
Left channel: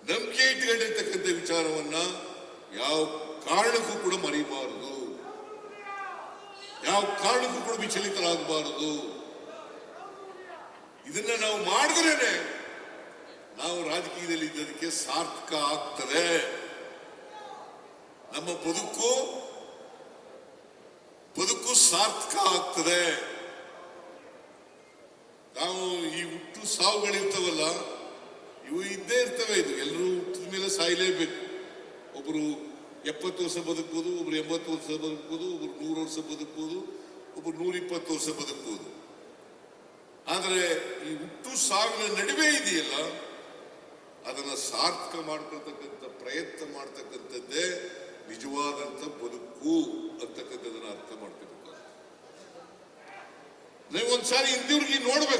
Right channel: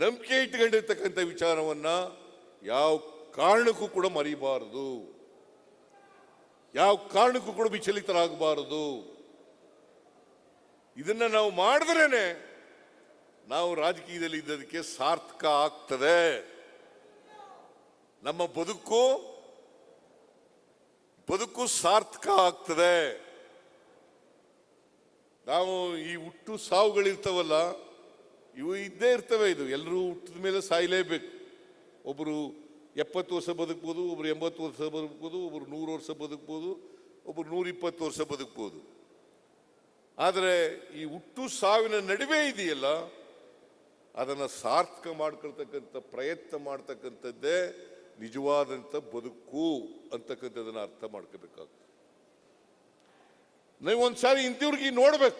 ನಂಬಿಕೆ ಇಟ್ಟುಕೊಂಡಿರ್ತಕ್ಕಂಥ ವಿಚಾರವನ್ನ ಯಾವ ಕಾರಣಕ್ಕೂ ಕೂಡ ಮರೆಯಬಾರದು, ಯಾವ ಕಾರಣಕ್ಕೂ ಕೂಡ ವಿಚಲಿತರಾಗಬಾರದು. ಇದನ್ನ ನಾವು ಮಾಡಿದ್ರೆ ನಾವು ರಾಜಕೀಯದಲ್ಲಿ ಇದಕ್ಕೆ ಸಾರ್ಥಕ ಆಗ್ತದೆ. ನಮ್ಮ ಬದುಕು ಸಾರ್ಥಕ ಆಗ್ತದೆ. ನಾವು ಈ ಹುಟ್ಟು ಸಾವುಗಳಿರ್ತವಲ್ಲ, ಇವು ಇದೇ ಇರ್ತವೆ. ಎಲ್ಲರೂ ಹುಟ್ಟಿದ ಮೇಲೆ ಸಾಯಲೇಬೇಕು. ಒಬ್ಬರು 70 ವರ್ಷ ಬದುಕಬಹುದು, ಒಬ್ರು 80 ವರ್ಷ ಬದುಕಬಹುದು, ಒಬ್ರು 100 ವರ್ಷ ಬದುಕಬಹುದು, ಒಬ್ರು 120 ವರ್ಷ ಬದುಕಬಹುದು. ಆದರೆ ಈ ಹುಟ್ಟು ಸಾವಿನ ನಡುವೆ ಇದೆಯಲ್ಲ, ಅದನ್ನು ಸಾರ್ಥಕ ಮಾಡತಕ್ಕಂಥ ಪ್ರಯತ್ನ ಮಾಡ್ತಕ್ಕಂಥದ್ದೇ ನಿಜವಾದಂಥ ಬದುಕು ಅಂತಕ್ಕಂಥದ್ದನ್ನು ಅರ್ಥ ಮಾಡಬೇಕು. ನೀವು ಒಂದ್ಸಾರಿ ಇದ್ದವ್ರಿಗೆ ನೋಡ್ಬೇಕು.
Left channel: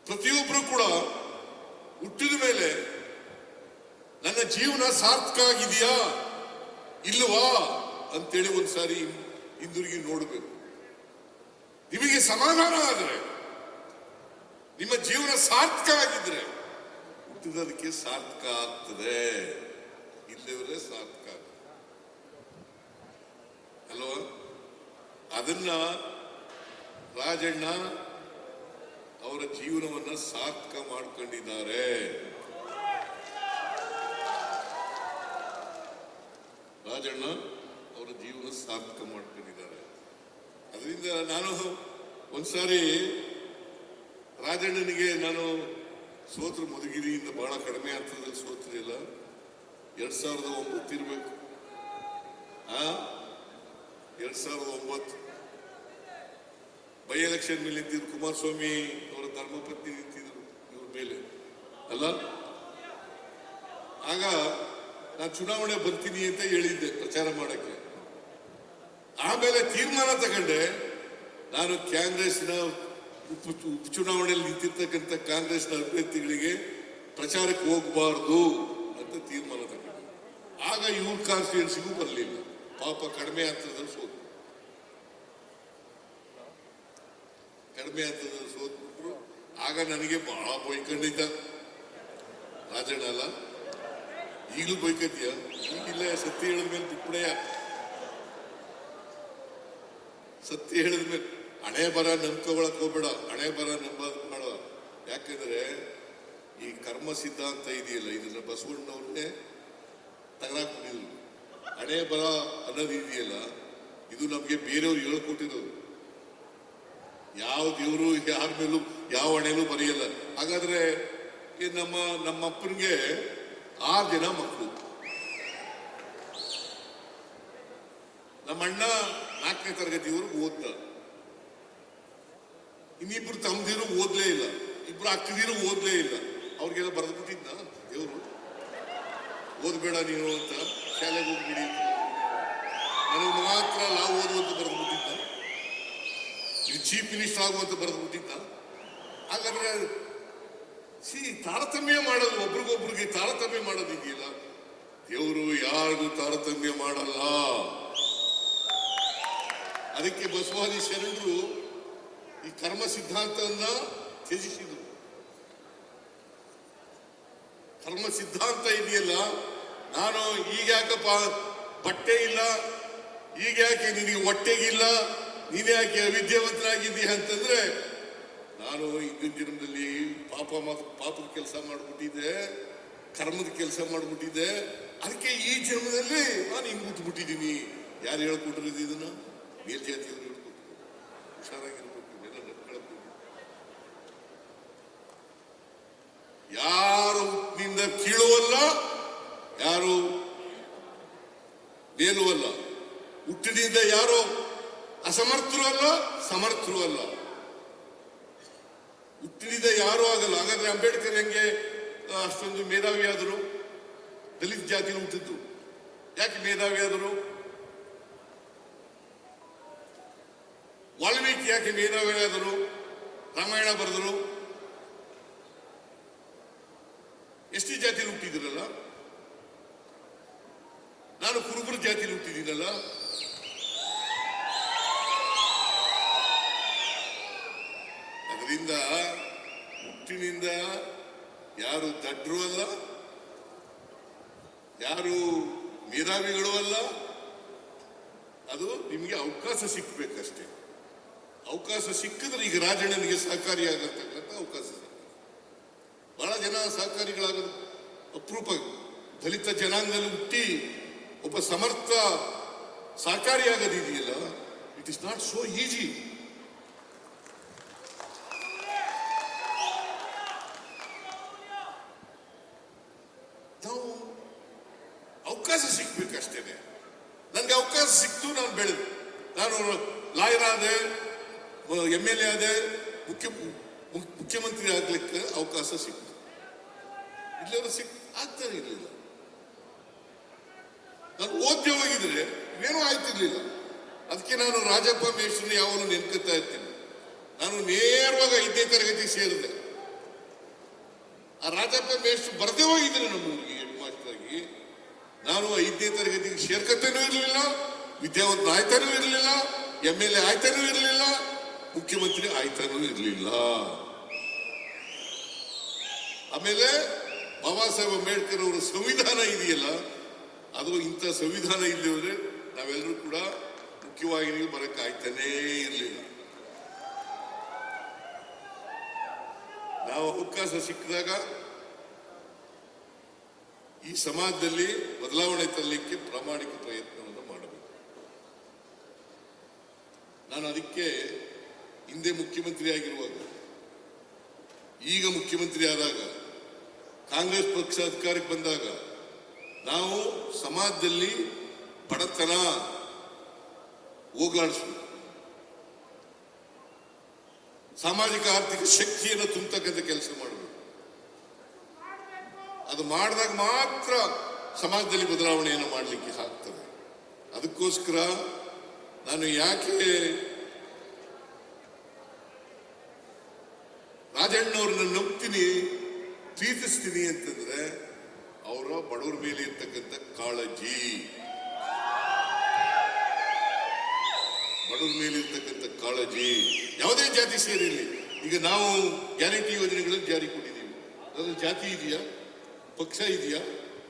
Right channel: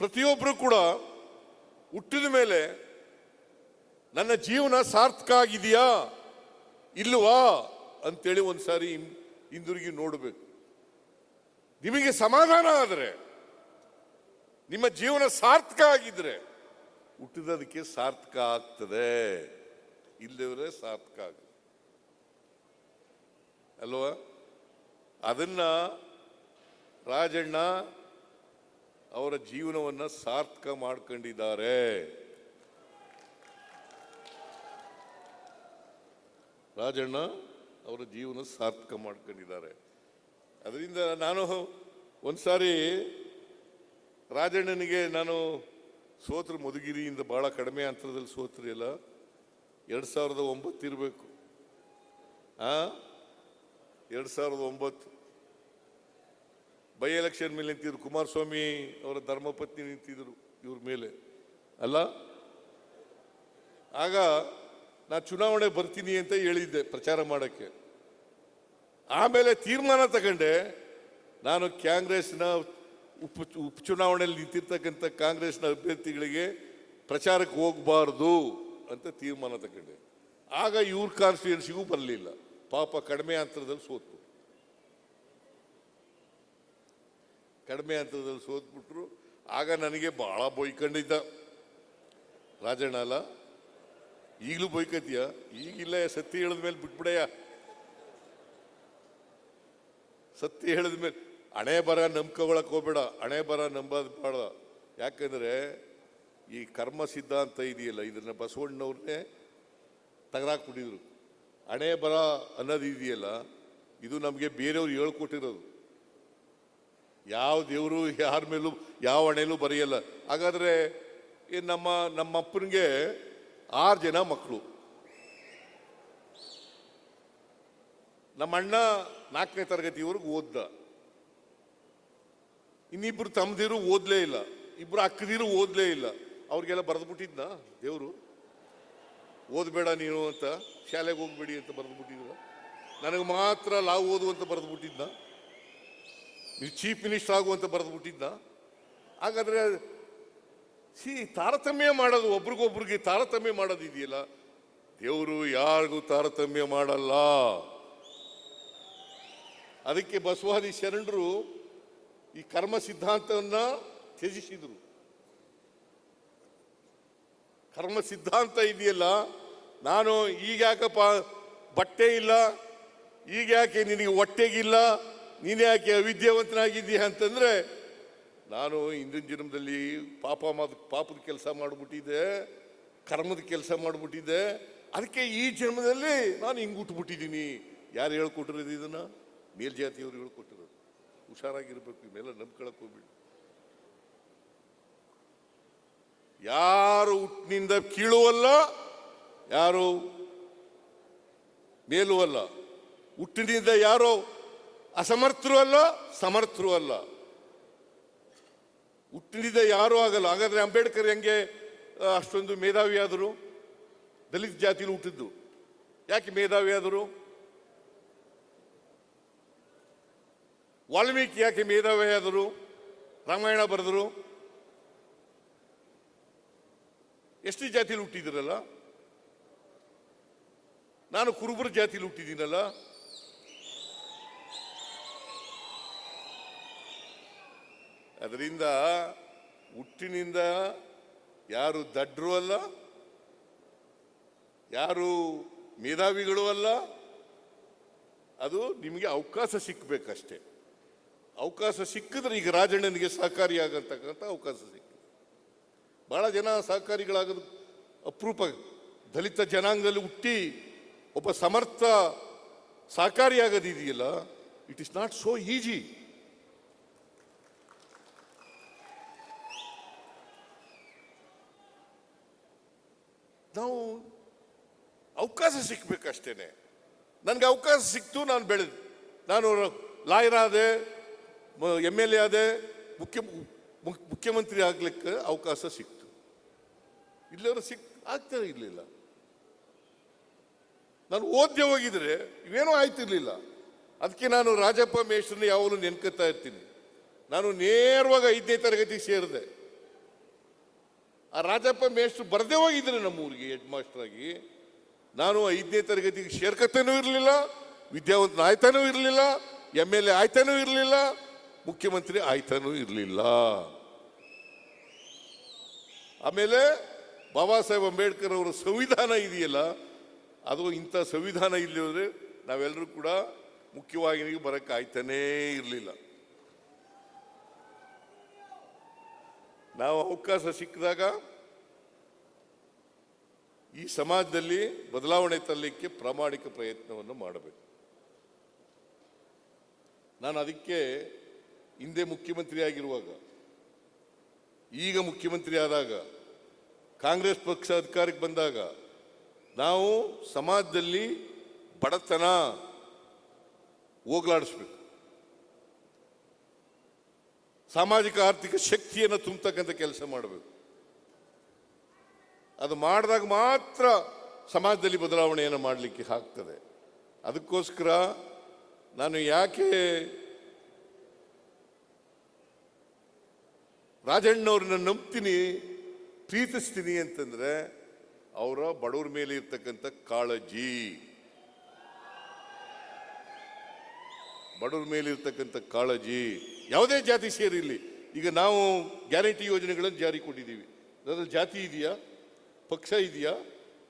ಪ್ರತಿಯೊಬ್ಬರು ಕೂಡ ಹುಟ್ಟಿದ ಮೇಲೆ ನನ್ನ ಜೀವನ ಸಾರ್ಥಕ ಆಗಿದೆಯಾ ಇಲ್ವಾ ಅಂತೇಳಿ ಒಂದ್ಸಾರಿ ಹಿಂದಿರುಗಿ ನೋಡಬೇಕು. ನಿಮಗೆ ಸಮಾಧಾನ ಆದರೆ, ನಿಮ್ಮ ಜೀವನ ಸಾರ್ಥಕ ಆಗಿದ್ರೆ ಹುಟ್ಟಿದದಕ್ಕೆ ಸಾರ್ಥಕ ಆಗ್ತದೆ, ಇಲ್ಲದ್ರೆ ಸಾರ್ಥಕ ಅಲ್ವಾ? ಅದನ್ನ ರಾಜಣ್ಣ ಅವರ ಜೀವನವನ್ನು ಸಾರ್ಥಕ ಮಾಡ್ಕೊಂಡಿದ್ದಾರೆ. ರಾಜಣ್ಣ ಅವರ ಜೀವನ ಸಾರ್ಥಕ ಮಾಡ್ಕೊಂಡಿದ್ದಾರೆ. ಅದರಿಂದ ನಾನು ಒಂದ್ಸಾರಿ ರಾಜಣ್ಣನಿಗೆ ನಾನು ಸೋತ್ರ ಮಧುಗಿರಿಯಿಂದ ಬಹಳ ಕಡಿಮೆ ಆಗ್ತದೆ ಸೋತ್ರಿಲ್ಲ 2009 ಇರಬೇಕು. 2009 ಬೈ ಎಲೆಕ್ಷನ್ ನಿಂತಿದ್ದು ಕುಮಾರಸ್ವಾಮಿ ಅವರ ಧರ್ಮಪತ್ನಿ ನಿಂತಿದ್ರು ಇವ್ರ ಮೇಲೆ ಅಲ್ಲ. ಆಗ ನಾನು ಚುನಾವಣೆ ಬರ್ತೀನಿ ಅಂತ ಹೇಳಿದ್ದೆ ಪ್ರಚಾರ ಮಾಡಕ್ಕೆ. ಆಮೇಲೆ ತೀರ್ಮಾನ ತಗೊಂಡೆ, ನಾನು ಕಾಂಗ್ರೆಸ್ನ ಉಪಚುನಾವಣೆಯಲ್ಲಿ ನಿಂತಿರ್ತಕ್ಕಂಥ ಕಾಂಗ್ರೆಸ್ನ ಅಭ್ಯರ್ಥಿಗಳಿಗೆ ಪ್ರಚಾರಕ್ಕೆ ಹೋಗಬಾರದು ಅಂತ ತೀರ್ಮಾನ ತಗೊಂಡೆ. ಆಗ ಇವ್ರ ಕಾಂಗ್ರೆಸ್ ಬರಲಿಲ್ಲ, ಪಾಪ ಕಡಿಮೆ ಆಗ್ತದೆ ಕಡಿಮೆ ಆಗ್ತದೆ ಸೋತ್ಬಿಟ್ರು. ಆಗ ನನಗೆ ಬಹಳ ಬೈಕಲ್ಲಿದ್ದ ರಾಜಣ್ಣ ಅಲ್ಲ, ಈಗಲೂ ಬೈಕದ್ಯ, ಈಗಿಲ್ಲ ಸತ್ಯ ಹೇಳಿದ್ಮೇಲೆ ಬಿಡಯ್ಯ, ಸತ್ಯ ಹೇಳಿದ್ಮೇಲೆ ಹಣೆ ಬರ ನಂಬ್ಕೊಳಕ್ ಹೋಗ್ಬೇಡ, ಹಣೆ ಬರ ನಂಬಬೇಡ. ಯಾಕಂದ್ರೆ ಈ ಕರ್ಮ ಸಿದ್ಧಾಂತ ಇದೆಯಲ್ಲ, ಇದನ್ನ ಬಸವಣ್ಣವ್ರೆ ತಗಲಾಕ್ತಿದ್ರು. ಹಣೆ ಬರ ಅನ್ನೋದು ಇದೆಯಲ್ಲ, ಇದು ನಮ್ಗೆ ಬೇರೆಯವರು ಹೇಳ್ಕೊಟ್ಟಿರೋದು. ಯಾವ ದೇವರು ಯಾರ ಮೇಲೂ ಯಾವ ಹಣೆಗೂ ಬರೆಯಲ್ಲ. ಹಾಗಾದ್ರೆ ನಮ್ಮ ಅಪ್ಪನಿಗೆ 6 ಜನ ಮಕ್ಕಳು. ನಮ್ಮ ಅಣ್ಣ 4ನೇ ತರಗತಿವರೆಗೂ ಓದ್ತ, ಇನ್ನಿಬ್ರು ತಮ್ಮದಿರು ಓದ್ಲೇ ಇಲ್ಲ, ಇಬ್ರು ಅಕ್ಕದಿರು ಓದ್ಲೇ ಇಲ್ಲ. ಅವ್ರಿಗೆಲ್ಲ ಬರೋದಿಲ್ಲ ದೇವರು, ಓದ್ಬೇಡ ನೀವು ಅಂತ ಶಾಲೆಗೆ ಹೋಗ್ಬಿಡಿ ಅಂತ ನನಗೆ ಮಾತ್ರ ನಾವು ಓದೋದು ಬರೋದಿಲ್ಲ, ಚೀಫ್ ಮಿನಿಸ್ಟರ್ ಆಗುವಂತ ಬರೋದಿಲ್ಲ. ಹಾಗಾದ್ರೆ ತಾರತಮ್ಯ ಮಾಡೋದು, ಒಬ್ರಿಗೊಬ್ರಿಗೆ ತಾರತಮ್ಯ ಮಾಡೋದಿದೆಯಲ್ಲ, ದೇವರು ಯಾರು ತಾರತಮ್ಯ ಮಾಡಲ್ಲ. ಅದಕ್ಕೆ ಬಸವಾದಿ ಶರಣರು ಈ ಕರ್ಮ ಸಿದ್ಧಾಂತವನ್ನ ತ್ಯಜಿಸಿದರು. ಕರ್ಮ ಸಿದ್ಧಾಂತ ಇದೆಯಲ್ಲ, ನಾನು ಈಗ ಯಾಕಪ್ಪ ಬಟ್ಟೆ ಇಲ್ಲ, ಈಗ ಯಾಕೆ ನಿನಗೆ ಹೊಟ್ಟೆ ಇಲ್ಲ, ನೀನ್ ಯಾಕೆ ವಿದ್ಯಾವಂತನಾಗಿದ್ದೀಯ ಅಂತಂದ್ರೆ, ನಾನು ಹಿಂದಿನ ಜನ್ಮದಲ್ಲಿ ಪಾಪದ ಕೆಲಸ ಮಾಡುತ್ತಿದ್ದೆ, ಕರ್ಮದ ಕೆಲಸ ಮಾಡುತ್ತಿದ್ದೆ, ಅದಕ್ಕೆ ಈ ಜನ್ಮದಲ್ಲಿ ನಾನು ಈಗ ಹುಟ್ಟುಬಿಟ್ಟಿದ್ದೀನಿ. ಯಾರು ಹೇಳ್ಬಿಟ್ಟಿಲ್ಲ ಇದನ್ನ? ಮೇಲ್ಜಾತಿಯವರು ಹುಷಾರಾಗಿದ್ರು, ಎಲ್ಲ ನಡ್ಕೊಳ್ಳೋದು. ಯಾರು ನಿಂದ ಕೀಳುವಲ್ಲ, ಯಾರು ಮೇಲೂ ಅಲ್ಲ, ಹುಟ್ಟಿನಿಂದ ಯಾರು ಅಸಮರ್ಥರು ಅಲ್ಲ, ಸಮರ್ಥರು ಅಲ್ಲ. ಹುಟ್ಟಿನಿಂದ ಯಾರು ಆಗಲ್ಲ. ಹಾಗಾದ್ರೆ ಅಂಬೇಡ್ಕರ್ ಹೆಂಗೆ ಅಷ್ಟೊಂದು ಮೇಧಾವಿ ಆದರು? ದಲಿತ ಜಾತಿ ಹುಟ್ಟಿದ್ರು, ಯಾಕೆ ಮೇಧಾವಿ ಆದರು? ವಾಲ್ಮೀಕಿ ಯಾಕೆ ಮೇಧಾವಿ ಆದರು? ರಾಮಾಯಣ ಬರೆದರು. ಎಷ್ಟು ಜಾತಿ ಹುಟ್ಟಿದ್ದಲ್ಲ, ನಾನು ಕುರುಬರ ಜಾತಿ ಹುಟ್ಟಿದ್ದಲ್ಲ. ಅದರಿಂದ ಹುಟ್ಟಿನಿಂದ ಯಾರು ದಡ್ರು ಅಲ್ಲ, ಯಾರು ಮೇಧಾವಿಗಳು ಅಲ್ಲ. ಅದು ನಿಮಗೆ ಅವಕಾಶ ಸಿಗ್ಬೇಕಷ್ಟೇ. ಅವಕಾಶ ಸಿಕ್ಕಿದ್ರೆ ಈಗ ರಾಜಕೀಯಕ್ಕೆ ಸಹಕಾರಿಯಾಗತಕ್ಕಂಥ ಅವಕಾಶ. ಬಹಳ ಜನ ಸಹಕಾರಿಗಳಾಗ ಅಪರೂಪ. ದಲಿತ ಜನಾಂಗದಲ್ಲಿ ಹುಟ್ಟಿ ಒಬ್ಬ ಸಮರ್ಥ ಸಹಕಾರಿಯಾಗೋದಿಲ್ಲ. It is not so easy. ನಾವು ಅವಕಾಶ ಸಿಗ್ಬೇಕಷ್ಟೇ. ನನಗೆ ಅವಕಾಶ ಸಿಕ್ತು, ನಾನು ಬೆಳೆದು, ನಾನು ಲಾಯರ್ ಆದೆ, MLA ಆದೆ, ಮುಖ್ಯಮಂತ್ರಿ ಆಗಲಿಕ್ಕೆ ಅವಕಾಶ ಸಿಕ್ತು. ಆಗ್ತದೆ ಇಲ್ಲ. ನಾನು ಓದ್ದೆ ಹೋಗಿದ್ರೆ ಏನೂ ಆಯ್ತಿರ್ಲಿಲ್ಲ. ಅದಕ್ಕೆ ನಾನು ರಾಜಪ್ಪ ಮೇಷ್ಟ್ರು ಯಾವಾಗ ನೆನಪಿಸ್ತಾ ಇದ್ದೀನಿ. ನಾನು ನೇರವಾಗಿ 5ನೇ ತರಗತಿ ಸೇರಿದೆ. ಆ ರಾಜಪ್ಪ ಮೇಷ್ಟ್ರು ಬರದೇ ಹೋಗಿದ್ರೆ ನಮಗೆ ಮಾಸ್ಟರಾಗಿ ನಾನು 5ನೇ ತರಗತಿ ಸೇರ್ಕತ್ತೇನೂ ಇರಲಿಲ್ಲ, ವಿದ್ಯಾವಂತ ಆಯ್ತಾನೂ ಇರಲಿಲ್ಲ, MLA ಆಯ್ತಾನೂ ಇರಲಿಲ್ಲ, ಮುಖ್ಯಮಂತ್ರಿ ಆಯ್ತಾನೂ ಇರಲಿಲ್ಲ. ಆಮೇಲೆ ಬಾಬಾ ಸಾಹೇಬ್ ಅಂಬೇಡ್ಕರ್ ಅವರು ಸಂವಿಧಾನ ಇದೆಯಲ್ಲ, ಅದು ಇಂಥ ಸಂವಿಧಾನ ಇರೋದ್ರೆ ನಾವೆಲ್ಲರೂ ಕೂಡ ಮುಖ್ಯವಾಗಿ ಬರಕ್ಕೆ ಆಗ್ತಾನೇ ಇರಲಿಲ್ಲ. ನಾವು ಅವಕಾಶ ಸಿಕ್ಕಿದಾಗ ಈ ಸಮಾಜದಲ್ಲಿ ಬದಲಾವಣೆ ತರಲಿಕ್ಕೆ ಪ್ರಾಮಾಣಿಕ ಪ್ರಯತ್ನವನ್ನು ಮಾಡಬೇಕು. ನಾನು ಅದಕ್ಕೆ ಹಿಂದೆ ಮುಖ್ಯಮಂತ್ರಿ ಆಗಿರುವಾಗ, ಈಗ ಮುಖ್ಯಮಂತ್ರಿ ಆದಾಗ, ಕಾಂಗ್ರೆಸ್ ಪಕ್ಷ ಅಧಿಕಾರಕ್ಕೆ ಬಂದಾಗ ನಾವು ಸಮಾಜದಲ್ಲಿ ಬಡತನ ಹೋಗಲಾಡಿಸಿ ಸಾಮಾಜಿಕ ಆರ್ಥಿಕ ಶಕ್ತಿಯನ್ನು ತುಂಬತಕ್ಕಂಥ ಕೆಲಸ ಮಾಡಬೇಕು. ಅದು ಮಾಡಿದಾಗ ಮಾತ್ರ ಸಮಾಜದಲ್ಲಿ ಬದಲಾವಣೆಯನ್ನು ಮಾಡಲಿಕ್ಕೆ ಆಗ್ತದೆ. ಅದಕ್ಕೋಸ್ಕರ ನಾನು ಯಾಕೆ ರಾಜಣ್ಣವ್ರನ್ನ ನಂಬ್ತೀನಿ, ಪ್ರೀತಿಸ್ತೀನಿ ಅಂತಂದ್ರೆ ಅವರ ಬಡವರ ಮೇಲೆ ಇರ್ತಕ್ಕಂಥ ಕಾಳಜಿ, ಬಡವರ ಮೇಲೆ ಇರ್ತಕ್ಕಂಥ ಕಾಳಜಿ. ಯಾವುದೇ ಜಾತಿ ಸೇರಿದೆ, ಈಗ ನಾವು ಗ್ಯಾರಂಟಿ ಯೋಜನೆಗಳನ್ನು ಜಾರಿ ಕೊಟ್ಟಿದ್ದೀವಿ. ಅದರ ಜಾತಿ ಇದೆಯಾ, ಪಕ್ಷ ಇದೆಯಾ,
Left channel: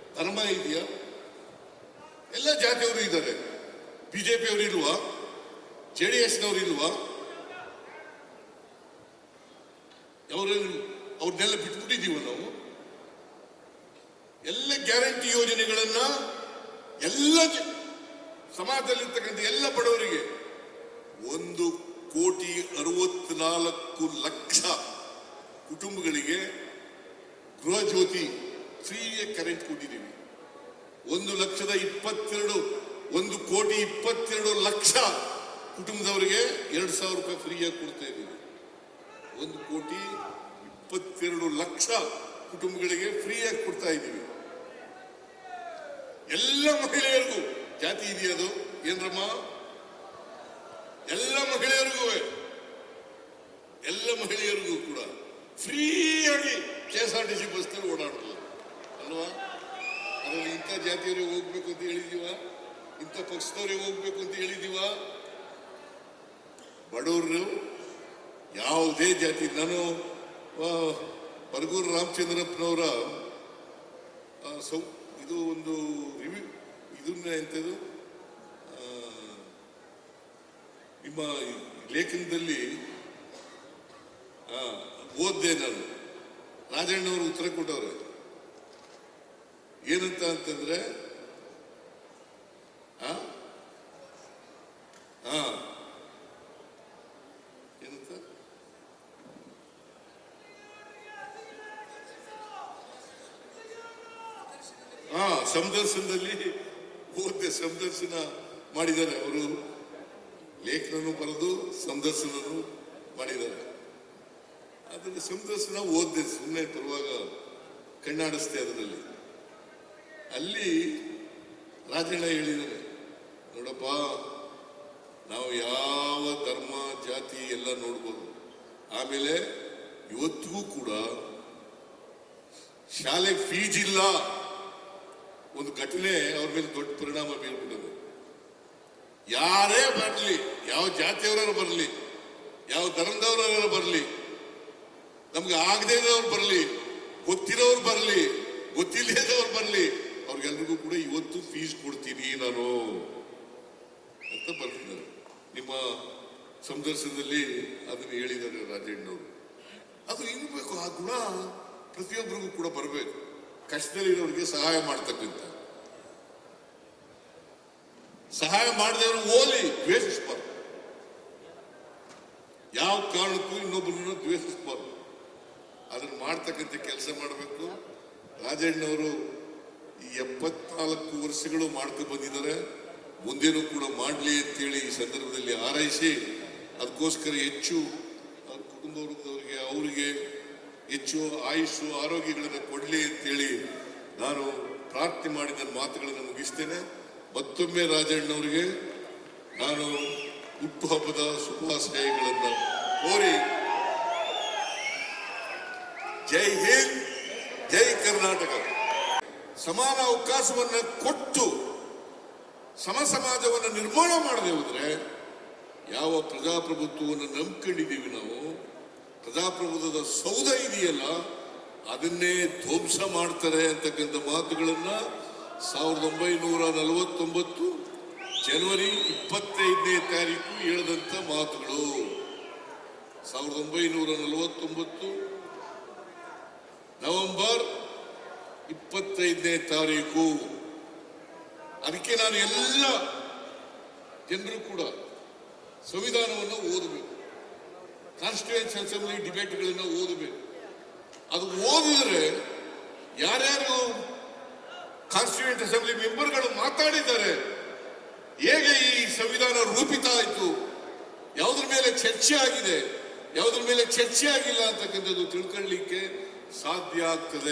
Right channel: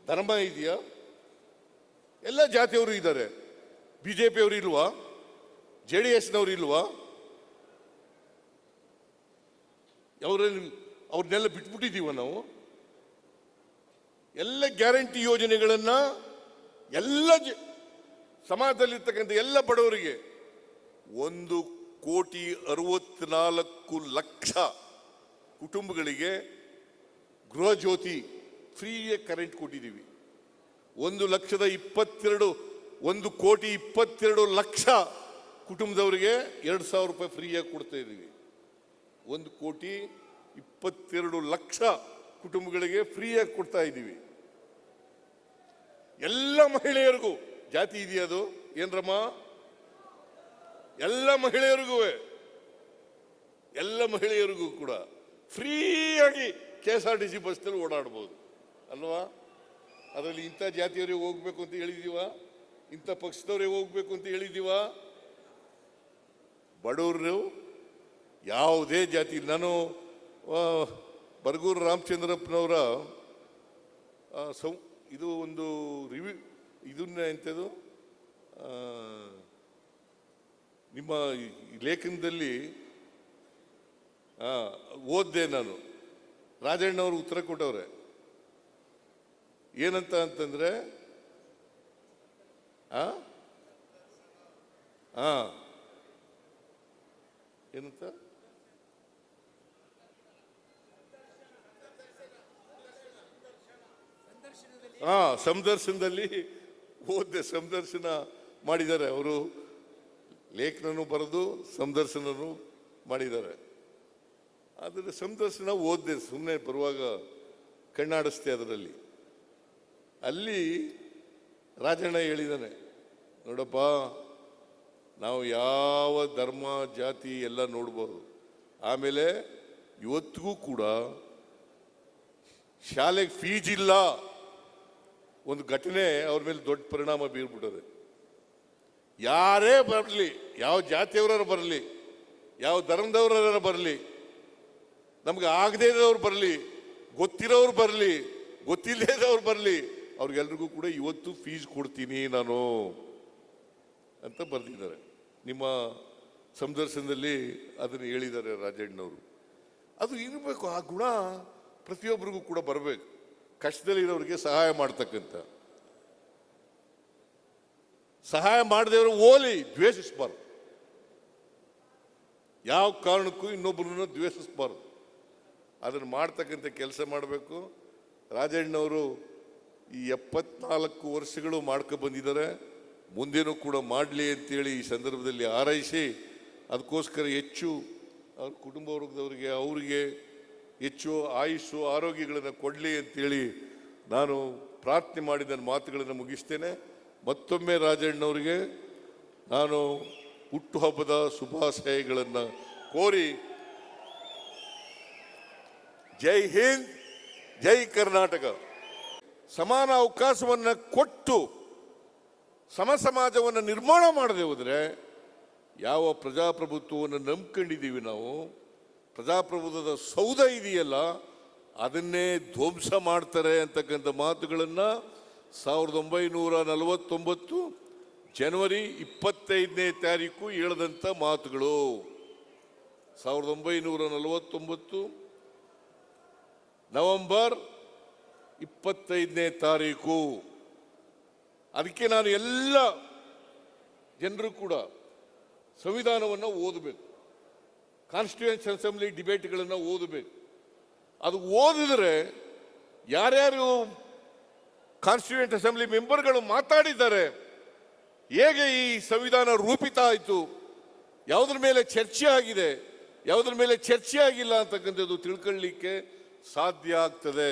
ಧರ್ಮ ಇದೆಯಾ? ಎಲ್ಲ ಜಾತಿಯವರು ಇದ್ದಾರೆ. ಬಿಜೆಪಿ ಅವರಿಲ್ವಾ, JDS ಅವರಿಲ್ವಾ? ಅವ್ರನ್ನೆಲ್ಲ ಬಿಟ್ಟಿದ್ದೀವಿ ನಾವು. ಎಲ್ಲ ಗ್ಯಾರಂಟಿ ಯೋಜನೆಗಳನ್ನ ಎಲ್ಲ ಸಮಾಜದಲ್ಲಿರ್ತಕ್ಕಂಥ ಎಲ್ಲ ಬಡವರಿಗೆ 1,64,00,000 ಕುಟುಂಬಗಳಿಗೆ ಗೃಹ ಜ್ಯೋತಿ ಫ್ರೀಯಾಗಿ ಕರೆಂಟ್ ಕೊಟ್ಟಿದ್ದೀವಿ. 1,22,00,000 ಕುಟುಂಬದವರಿಗೆ 2,000 ರೂಪಾಯಿ ಫ್ರೀಯಾಗಿ ಕೊಡ್ತಾ ಇದ್ದೀವಿ. 1,22,00,000 ಕುಟುಂಬಗಳಿಗೆ ಫ್ರೀಯಾಗಿ ಕೊಡ್ತಾ ಇದ್ದೀವಿ. ಎಲ್ಲ ಮಹಿಳೆಯರು, ಜಾತಿ ಇದೆಯದು ಏನಮ್ಮ, ಎಲ್ಲ ಮಹಿಳೆಯರಿಗೂ ಕೂಡ ಫ್ರೀಯಾಗಿ KSRTC ಬಸ್ಸಲ್ಲಿ ಓಡಾಡಬಹುದು ಅಲ್ವಾ? ಅದರಲ್ಲಿ ಇಂಥ ಜಾತಿಗೆ ಹೋಗ್ಬೇಕು ಅಂತ ಹೇಳಿದೀವ, ಇಂಥ ಪಕ್ಷದವರಿಗೆ ಹೋಗ್ಬೇಕು ಅಂತ ಹೇಳಿದೀವ. ಬಡವರು ಯಾವುದೇ ಜಾತಿ, ನಾನು ಬರಗೂರು ರಾಮಚಂದ್ರಪ್ಪನವರ ಇದು ಒಂದು ನಿಮ್ಮ ಲೇಖನದಲ್ಲಿ ಓದಿದೆ ನಾನು. ರಾಜಣ್ಣವರು ಉತ್ತರ ಕೊಟ್ಟವ್ರೆ ಏನಂತ ಅಂತಂದ್ರೆ, ಏನಂತ ಸಂದರ್ಶನದಲ್ಲಿ ಹೋದ್ರೆ ಸಂದರ್ಶನ ಮಾಡಿದ್ದಾರೆ ಅವರು, ಲೇಖನರು ಬರೆದು ಸಂದರ್ಶನರು ಮಾಡಿದ್ದಾರೆ. ಅದರ ಸಂದರ್ಶನ ಓದಿದೆ, ಸುಮ್ಮನೆ ಬರುವಾಗ ಕಣ್ಣಾಡಿಸ್ತೆ. ಅದರಲ್ಲಿ ಅಲ್ಲಿ ರಾಜಣ್ಣ ಹೇಳಿದ್ದಾನೆ, ನೋಡಪ್ಪ ನಾವು ಯಾವ ಧರ್ಮ ಜಾತಿ ಎಲ್ಲ ನೋಡ್ಬೋದು, ಆಮೇಲೆ ಇವತ್ತಿಗೂ ಕೂಡ ಶಾಲೆಗೆ ಫೀಸ್ ಇಲ್ಲ. ಒಂದು ಘಟನೆ ಅವ್ರ ಮೇಲೆ ದೊಡ್ಡ ಪರಿಣಾಮ ಬೀರುತ್ತದೆ. ಯಾರೇ ಬರಲಿ, ಯಾವ ಜಾತಿಯವರ ಬರಲಿ, ಯಾವ ಧರ್ಮದವರ ಬರಲಿ, ನಮ್ಗೆ ಆಗದೇ ಇರೋರು ಬರಲಿ, ಗೊತ್ತಿರೋರು ಬರಲಿ, ಗೊತ್ತಿಲ್ಲದೆ ಇರೋರು ಬರಲಿ, ಅವ್ರಿಗೆಲ್ಲರಿಗೂ ಕೂಡ ಇವತ್ತು ಫೀಸ್ ಕೊಡ್ತೀನಿ ನಾನು ಅಂತ ಬಂದಿದ್ದಾರೆ. ನಿಮ್ಮ ಸಂದರ್ಶನದಲ್ಲಿ ಅದನ್ನು ಹೇಳಿದ್ದಾರೆ ರಾಜಣ್ಣವರು. ಅದು ಇರಬೇಕು, ಆ ಗುಣ ಪ್ರತಿಯೊಬ್ಬರಿಗೂ ಕೂಡ ಬರಬೇಕು. ಕಷ್ಟದಲ್ಲಿರೋರಿಗೆ ಸಹಾಯ ಮಾಡ್ತಕ್ಕಂಥ, ಸಹಾಯ ಮಾಡಿದ್ರೆ ಓದಿ ದ್ವೇಷಿಸಬಾರ್ದು, ಯಾವ ಕಾರಣಕ್ಕೂ ಇನ್ನೊಬ್ಬರನ್ನು ದ್ವೇಷಿಸಬಾರ್ದು. ಅದನ್ನು ಮಾಡ್ತಕ್ಕಂಥ ಕೆಲಸ ಮಾಡಬೇಕು. ರಾಜಣ್ಣವರು ಈ 74 ವರ್ಷಗಳು ಮಾಡ್ಕೊಂಡು ಬಂದಿದ್ದಾರೆ, ಮುಂದೆನೂ ಕೂಡ ಮಾಡಲಿ ಅಂತೇಳಿ ಈ ಸಂದರ್ಭದಲ್ಲಿ ಹಾರೈಸಿ, ಅದಕ್ಕೋಸ್ಕರ ಹೆಚ್ಚು ಕುಟುಂಬದವರಿಗೆ ಅವರಿಗೆ ಹೆಚ್ಚು ಆಯುಷು ಆರೋಗ್ಯಗಳನ್ನು ಕೊಡಲಿ ಅಂತೇಳಿ ನಾನು ಪ್ರಾರ್ಥನೆ ಮಾಡಿದ ಮಾತುಗಳನ್ನು ಮುಗಿಸ್ತೇನೆ. ಮತ್ತೊಮ್ಮೆ ರಾಜಣ್ಣವರಿಗೆ ನಾನು ಹುಟ್ಟುಹಬ್ಬದ ಶುಭಾಶಯಗಳನ್ನು ಕೋರಿ ಜೈ ಹಿಂದ್, ಜೈ ಕರ್ನಾಟಕ. ಸಮಾನ ಅವಕಾಶವನ್ನ ಕೊಟ್ಟು ಸಮಾಜವನ್ನು ನಿರ್ಮಾಣ ಮಾಡದಿದ್ರೆ ಯಾವ ಪ್ರಜಾಪ್ರಭುತ್ವವನ್ನು ನಂಬಿಕೊಂಡಿದ್ದೀವಿ ನಾವು, ಪ್ರಜಾಪ್ರಭುತ್ವದ ಸೌಧ ಇದೆಯಲ್ಲ ಅದನ್ನೇ ಧ್ವಂಸ ಮಾಡ್ತಾರೆ ಅಂತಕ್ಕಂಥ ಮಾತುಗಳನ್ನ 1949 ಜನವರಿ 25ನೇ ತಾರೀಕು ಹೇಳಿದಂತ ಮಾತುಗಳು. 1949 ನವೆಂಬರ್ 25ನೇ ತಾರೀಕು. ಅದಕ್ಕೆ ನಾನು ಎಲ್ಲ ಜನರು ಕೂಡ ಸಂವಿಧಾನವನ್ನು ಓದಬೇಕು, ಕಾನ್ಸ್ಟಿಟ್ಯೂಯೆಂಟ್ ಅಸೆಂಬ್ಲಿ ಡಿಬೇಟ್ಗಳೆಲ್ಲ ಓದಬೇಕು. ಅದು ಓದಿದ್ರೆ ಯಾರ್ಯಾರು ಕಾನ್ಸ್ಟಿಟ್ಯೂಯೆಂಟ್ ಅಸೆಂಬ್ಲಿ ಮೆಂಬರ್ಗಳು ಮಾತಾಡಿದ್ದಾರೆ, ಹೇಗೆ ಈ ಸಂವಿಧಾನ ರೂಪಿತ ಆಯಿತು, ಯಾವುದ್ರ ಮೇಲೆ ಚರ್ಚೆ ಆಗಿದೆ, ಯಾವುದ್ರ ಮೇಲೆ ಚರ್ಚೆ ಆಗಿಲ್ಲ ಅಂತಕ್ಕಂಥದ್ದು ತಿಳ್ಕೊಳ್ಳಲಿಕ್ಕೆ ಸಾಧ್ಯ ಆಗ್ತದೆ.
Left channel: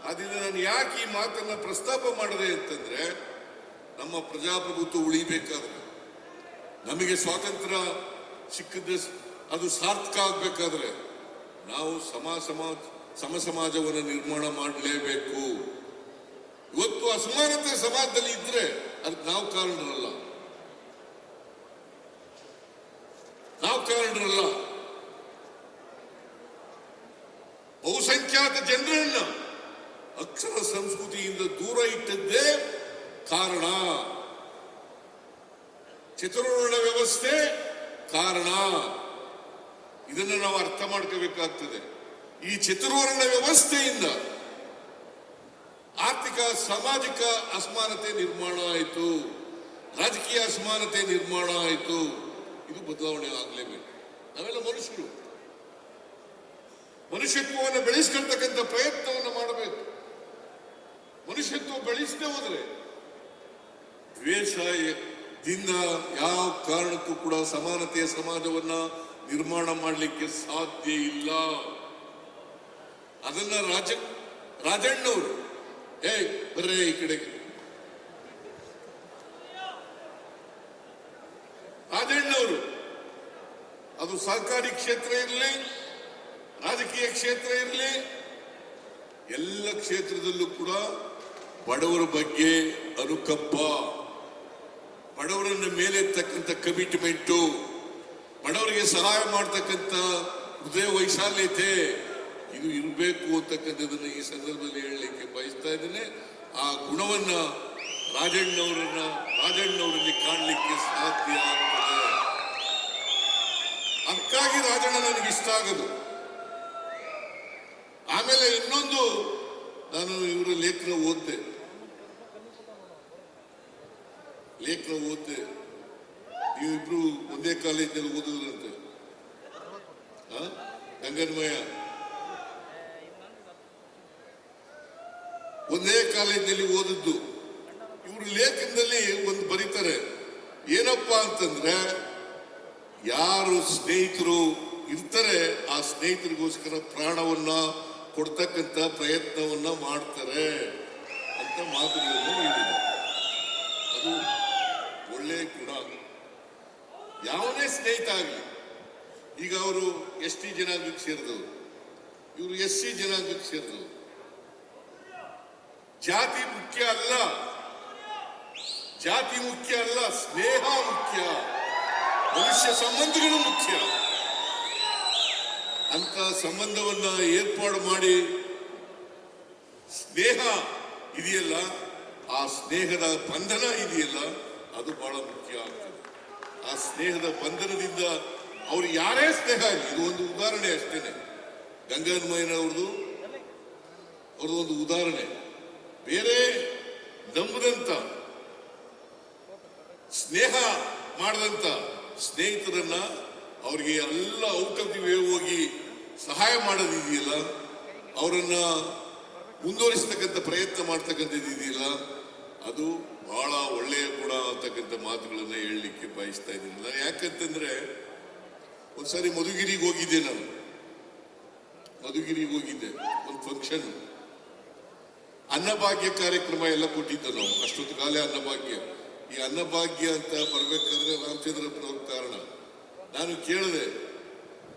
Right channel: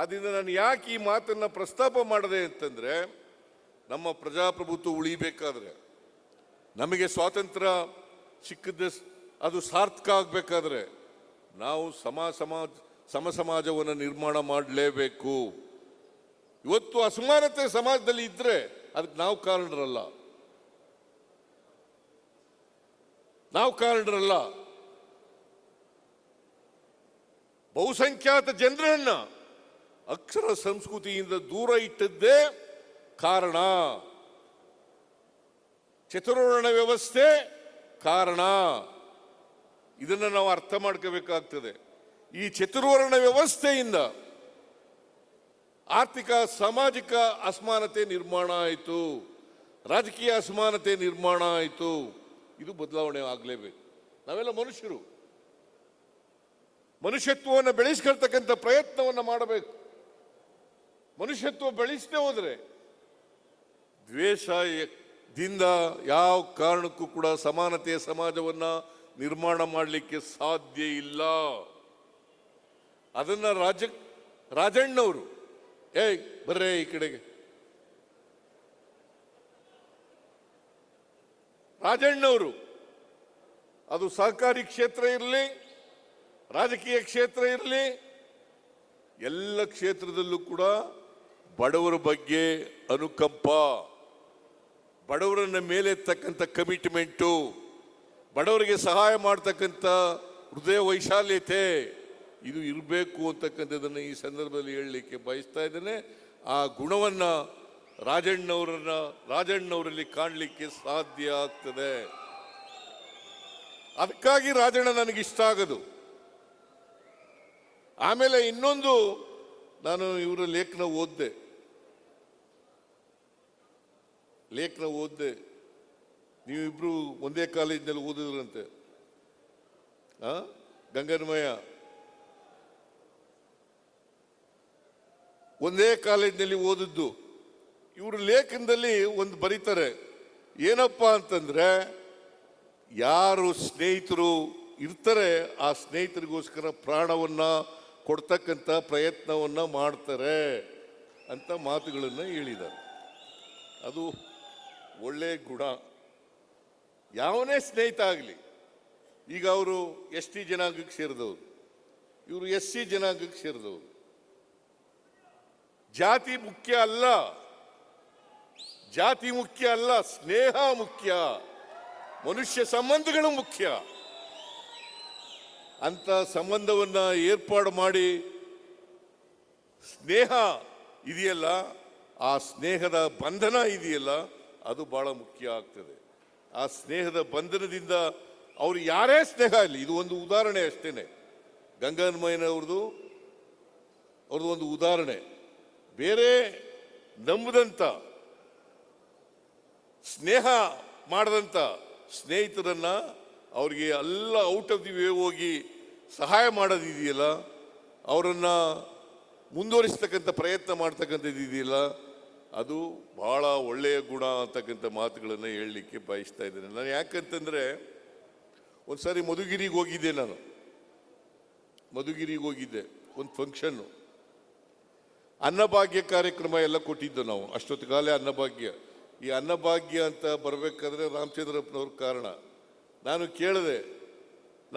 ಅದರಿಂದ ನಾನು ಯಾಕೆ ಈ ಮಾತನ್ನ ಪ್ರಸ್ತಾಪ ಮಾಡಿದೆ ಅಂತಂದ್ರೆ, ನಮ್ಮ ಪ್ರಜಾಪ್ರಭುತ್ವ ಉಳಿಬೇಕಾದ್ರೆ, ನಮಗೆ ಸ್ವಾತಂತ್ರ್ಯ ಸಿಕ್ಕಿದ್ರೆ ಅದು ಸಾರ್ಥಕ ಆಗಬೇಕಾದ್ರೆ ನಾವು ಸಮಾಜವನ್ನು ನಿರ್ಮಾಣ ಮಾಡಲೇಬೇಕು. ಇವತ್ತು ಅಸಮಾನತೆ ಸಮಾಜದಲ್ಲಿ ಇದ್ರೆ ಅದಕ್ಕೆ ನಾವು ಕಾರಣರಲ್ಲ, ಬಹುಸಂಖ್ಯಾತ ಜನರನ್ನ ಅಕ್ಷರ ಸಂಸ್ಕೃತಿಯಿಂದ ದೂರ ಇಟ್ಟಿದ್ದೇ ಕಾರಣ. ಚತುರ್ವರ್ಣ ವ್ಯವಸ್ಥೆ ಕಾರಣ. ಇದನ್ನು ನಾವು ಅರ್ಥ ಮಾಡ್ಕೋಬೇಕಾಗುತ್ತದೆ. ಈ ಚತುರ್ವರ್ಣ ವ್ಯವಸ್ಥೆಯಿಂದ ಆರ್ಥಿಕ ಸಾಮಾಜಿಕ ಅಸಮಾನತೆ ನಿರ್ಮಾಣ ಆಯಿತು, ರಾಜಕೀಯ ಅಸಮಾನತೆ ನಿರ್ಮಾಣ ಆಯಿತು. ಇದು ಬದಲಾವಣೆ ಆಗಲೇಬೇಕು. ನಾವೆಲ್ಲ ಮನುಷ್ಯರು, ಮನುಷ್ಯತ್ವವನ್ನು ಬೆಳೆಸಿಕೊಳ್ಳತಕ್ಕಂಥ ಪ್ರಯತ್ನವನ್ನು ಮಾಡಬೇಕು. ಮನುಷ್ಯತ್ವ ಬೆಳೆಸೇ ಹೋದರೆ ದ್ವೇಷದಿಂದ ಯಾವ ಕಾರಣಕ್ಕೂ ಕೂಡ ಸಮಾನತೆಯ ಸಮಾಜವನ್ನ ನಿರ್ಮಾಣ ಮಾಡಲಿಕ್ಕೆ ಸಾಧ್ಯ ಇಲ್ಲ. ಅದನ್ನ ರಾಜಣ್ಣವರು ಬರೇ ಈ ಕಡೆ ರಾಜಣ್ಣವರು ಅದು ಸರ್ಕಾರಿ ಕ್ಷೇತ್ರ ಇರಲಿ, ರಾಜಕೀಯ ಕ್ಷೇತ್ರ ಇರಲಿ, ಎಲ್ಲ ಕ್ಷೇತ್ರದಲ್ಲೂ ಕೂಡ ಬಡವರ ಬಗ್ಗೆ ಅನುಕಂಪ, ಬಡವರನ್ನ ಮೇಲೆ ತಕ್ಕಂಥ ಕಮಿಟ್ಮೆಂಟು, ಬಡವರಿಗೆ ಸಹಾಯ ಮಾಡತಕ್ಕಂಥ ಹೃದಯ ವೈಶಾಲ್ಯತೆ ಇದು ಇರಬೇಕು ಅಂತಕ್ಕಂಥದ್ದನ್ನು ಈ ಸಂದರ್ಭದಲ್ಲಿ ಹೇಳಲಿಕ್ಕೆ ಬಯಸ್ತಾ ಇದ್ದೇನೆ. ಆ ಗುಣವನ್ನ ರಾಜಣ್ಣವರಲ್ಲಿ ಕಾಣಲಿಕ್ಕೆ ಸಾಧ್ಯ ಆಗ್ತದೆ. ಅದಕ್ಕಾಗಿ ರಾಜಣ್ಣ ನನಗೆ ಇಷ್ಟ ಆಗೋದು. ಆಮೇಲೆ ಇನ್ನೊಂದು, ನಾನು ಇವರು ಲೇಖನ ಓದಿದೆ. ನೀವಿಬ್ರು ಒಂದೇ ಕಾಲೇಜಿನಲ್ಲಿ ಓದಿದಂತೆ, ಗಂಗನಮಯ ಒಂದೇ ಕಾಲೇಜಿನಲ್ಲಿ ಓದಿದ್ದು. ಇವರು ಲೇಖನದಲ್ಲಿ ಒಂದು ಬರೀತಾರೆ, ಏನಪ್ಪಾ ಅಂತಂದ್ರೆ ಯಾರು ಸ್ನೇಹಿತರು ಇರ್ತಾರೆ ಆ ಸ್ನೇಹಿತರಿಗೋಸ್ಕರ ಪ್ರಾಣವನ್ನ ಕೊಡ್ತಕ್ಕಂಥ ಪ್ರಯತ್ನವನ್ನ ಮಾಡ್ತಾರೆ ಅಂತ ಮಾತುಗಳನ್ನು ಹೇಳಿದ್ದಾರೆ. ಅದು ಒಳ್ಳೆಯ ಗುಣ. ಯಾವನೇ ಸ್ನೇಹಿತ ಆಗಲಿ, ಈಗ ಅವರು ST ಜನಾಂಗಕ್ಕೆ ಸೇರಿದವರು, ಇವರು SC ಜನಾಂಗಕ್ಕೆ ಸೇರಿದವರು. ಜಾತಿ ಮುಖ್ಯ ಅಲ್ಲ, ಸ್ನೇಹ ಮುಖ್ಯ, ಮನುಷ್ಯ ಸಂಬಂಧಗಳು ಮುಖ್ಯ. ಅಂತ ಸಂಬಂಧವನ್ನ ಏರ್ಪಾಡು ಮಾಡಿ ಸ್ನೇಹ ಇದೆಯಲ್ಲ, ಆ ಸ್ನೇಹದ ಬಂಧನ ಇದೆಯಲ್ಲ, ಅದು ಬಹಳ ಮುಖ್ಯ ಆಗ್ತದೆ. ಆ ಸ್ನೇಹದ ಬಂಧನದಿಂದ ಅವರು ಯಾರೇ ಸ್ನೇಹ, ಇದು ಒಂದು ಉದಾಹರಣೆ ಅಷ್ಟೇ. ಗಂಗಾಧರಯ್ಯನವರು ಒಂದು ಉದಾಹರಣೆ. ಬೇರೆ ನಂಬುದಂತ ಸ್ನೇಹ ಮಾಡದಂತ ಸ್ನೇಹಿತರನ್ನ ಅವರಿಗೆ ಎಲ್ಲ ಔಷಧಿಗೆ ಹೋಗಿ ಸಹಾಯ ಮಾಡೋದಿದೆಯಲ್ಲ, ಅವರನ್ನ ಮುಂದುವರಿಸತಕ್ಕಂಥ ಪ್ರಯತ್ನ ಮಾಡತಕ್ಕಂಥದ್ದಿದೆಯಲ್ಲ, ಅದು ಬಹಳ ಒಳ್ಳೆಯ ಗುಣ ಅಂತಕ್ಕಂಥ ಮಾತುಗಳನ್ನ ಹೇಳಲಿಕ್ಕೆ ಬಯಸ್ತಾ ಇದ್ದೀನಿ. ನಾನು ಯಾಕಂತಂದ್ರೆ ಒಂದ್ಸರಿ ಮಧುಗಿರಿಗೆ ಹೋಗಿದ್ದೆ. ನಾನು ಮಧುಗಿರಿಗೆ ಹೋಗಿದ್ದೆ, ಒಂದು ಫಂಕ್ಷನ್, ಅನ್ನಭಾಗ್ಯ ಕಾರ್ಯಕ್ರಮ ಎಲ್ಲ ಕೊಟ್ಟಿದ್ದು ನಾವು. ಅಷ್ಟೊಂದು ಕಾಲ ಅನ್ನಭಾಗ್ಯ, ಈ ಅನ್ನಭಾಗ್ಯ ಅಂತ ಬರಬೇಕಾದ್ರೆ ರಾಮಚಂದ್ರಪ್ಪನವ್ರ ಕಾರಣ. ನಾನು ಕೇಳಿದೆ,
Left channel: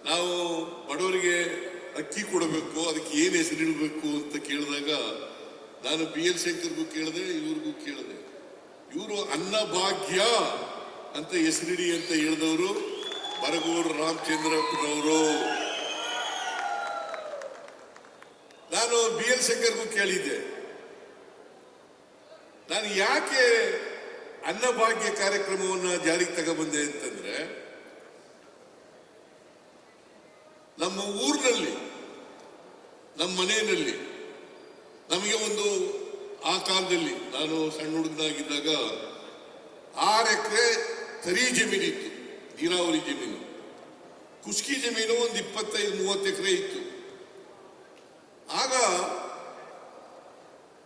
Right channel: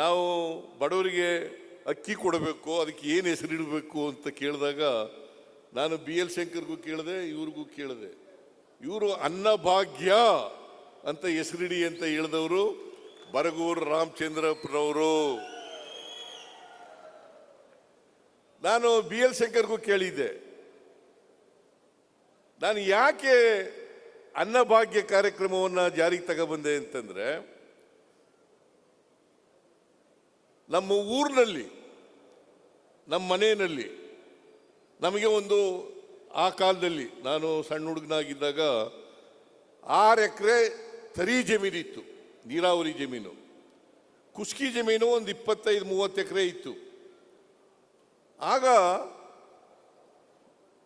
ನಾವು ಬಡವರಿಗೆ ಅಕ್ಕಿ ಕೊಡಬೇಕು, ಅದಕ್ಕೆ ಏನು ಹೆಸರಿಡಬೇಕು ಅಂತ ಕೇಳಿದಾಗ ನಾನು BL ಶೇಖರ್ಗೂ ಕೇಳಿದೆ, ಇವ್ರಿಗೂ ಕೇಳಿದೆ. ಇವರು ಅನ್ನಭಾಗ್ಯ ಅಂತ ಹೆಸರಿ ಅಂತ ಹೇಳಿದವರು ಬರಗೂರು ರಾಮಚಂದ್ರಪ್ಪನವರು. ನಾನು BL ಶೇಖರ್ಗೂ ಕೇಳಿದ್ದೆ, ನಾನು ಯಾಕೆ ಅನ್ನಭಾಗ್ಯ ಕಾರ್ಯಕ್ರಮವನ್ನ ಜಾರಿಗೆ ತಗೊಂಡ್ಬಂದೆ ಅಂತಂದ್ರೆ, ನಮ್ಮ ಊರಿನಲ್ಲಿ ನಮ್ಮ ಮನೆಯಲ್ಲಿ ನಮಗೆ ಒಂದು ಆ ಕಾಲದಲ್ಲಿ ನಾನು ಸಣ್ಣ ಹುಡುಗನಾಗಿದ್ದಾಗ 6 ಎಕರೆ ಕರಿ ಜಮೀನಿತ್ತು, ನೀರಾವರಿ ಜಮೀನು. ಕೃಷಿ ಜಮೀನು ಒಂದು 25-30 ಎಕರೆ ಇತ್ತು. ಆಗ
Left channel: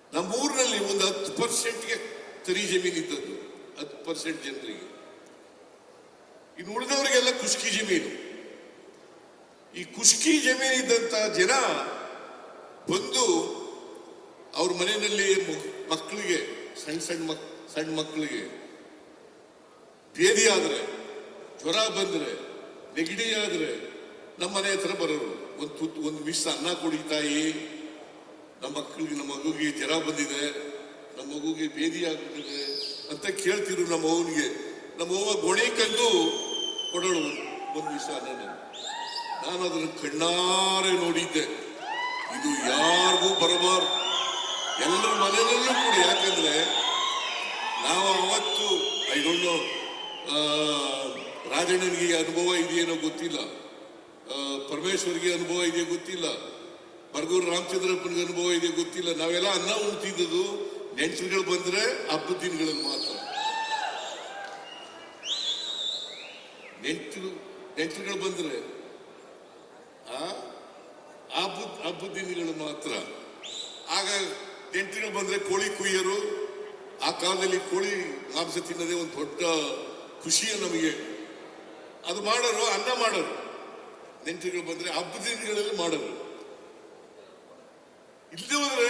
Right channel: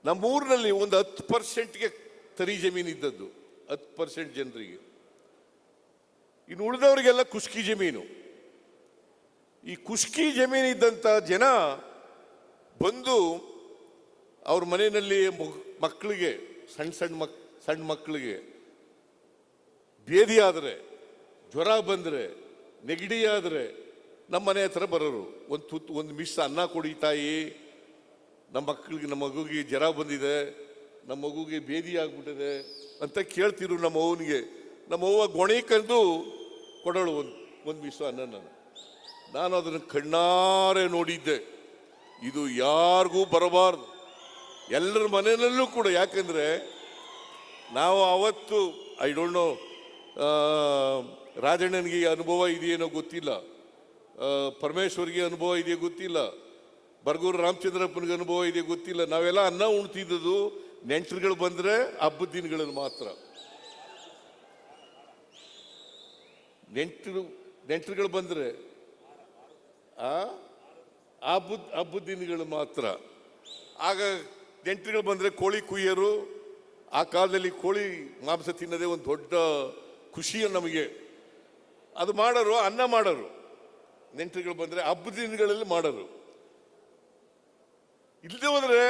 ನಮ್ಮ ಊರಿನಲ್ಲಿ ಒಂದು 10% ಕರಿ ಜಮೀನಿದ್ದದ್ದು, 10% ಜನರಿಗೆ. ಇದು ಉಳಿದವರಿಗೆಲ್ಲ ಕೃಷಿ ಜಮೀನು. ಈ ಕೃಷಿ ಜಮೀನು ಇದ್ದಂತ ಜನ ಬಂದು ಅವ್ರ ಮನೆಯಲ್ಲಿ ಮಕ್ಕಳಿಗೆ ಸಣ್ಣ ಮಕ್ಕಳಿಗೆ ಬೇರೆ ಆದರೆ, ಜ್ವರ ಬಂದ್ರೆ, ನೆಗಡಿ ಆದರೆ ನಮ್ಮ ಮನೆ ಹತ್ರ ಬರೋರು. ಒಂದು ಬಿಸಿ ಅನ್ನ ಕೊಡಿ ತಾಯಿ, ನಮ್ಮ ಮಗುವಿಗೆ ಜ್ವರ ಬಂದಿದೆ, ನಮ್ಮ ಮಗುವಿಗೆ ಬೇರೆ ಆಗ್ತಿದೆ ಅಂತ ಕೇಳ್ತಿದ್ರು. ನಮ್ಮ ಅವ್ವಗೆ ನಮ್ಮ ಅವ್ವ ಕೊಡೆ ಕರೆದು ಕೊಡೋಳು ಒಂದು ಬಿಸಿ ಅನ್ನ. ನಾನು ಅದನ್ನು ಕಣ್ಣಾರೆ ನೋಡಿದ್ದೆ. ಇದು ಯಾರು ಬರಬಾರದು, ಎಲ್ಲರ ಮನೆಯಲ್ಲೂ ಕೂಡ. ಯಾಕಂದ್ರೆ ನಾವು ಅವತ್ತು ಐಡೋನು ರಾಜನಿಗೆ ಅನುಭವ ಏನು ಗೊತ್ತಿಲ್ಲ, ಪರಮೇಶ್ವರಿಗೆ ಅನುಭವ ಏನು ಗೊತ್ತಿಲ್ಲ, ಬರಗೂರು ರಾಮಚಂದ್ರಪ್ಪನಿಗೆ ಅನುಭವ ಏನು ಗೊತ್ತಿಲ್ಲ. ನಾವೆಲ್ಲ ಅನ್ನ ಉಂಟಿದ್ದು ನೆಂಟರುಗಳು ಬಂದ್ರೆ ಹಬ್ಬದ ದಿನಗಳಲ್ಲಿ ಮಾತ್ರ. ನೆಂಟರುಗಳು ಬಂದ್ರೆ ಹಬ್ಬದ ದಿನಗಳು ಮಾತ್ರ. ಆಗ ನೆಂಟರು ಬಂದ್ರೆ ಕೋಳಿ ಕುಯ್ಯರು. ಆ ಕಾಲದಲ್ಲಿ ಕೋಳಿ ಮಾಂಸ ತಿನ್ನೋದೇ ಒಂದು ದೊಡ್ಡ ಖುಷಿಯ ನಮಗೆ. ಅದು ಮಾಡಲು ಅನ್ನ ಮಾಡಲು ನೆಂಟರು ಬಂದ್ರೆ ಹಬ್ಬದ ದಿನಗಳಲ್ಲಿ ಮಾಡಲು. ಇಲ್ಲದೆ ಹೋದ್ರೆ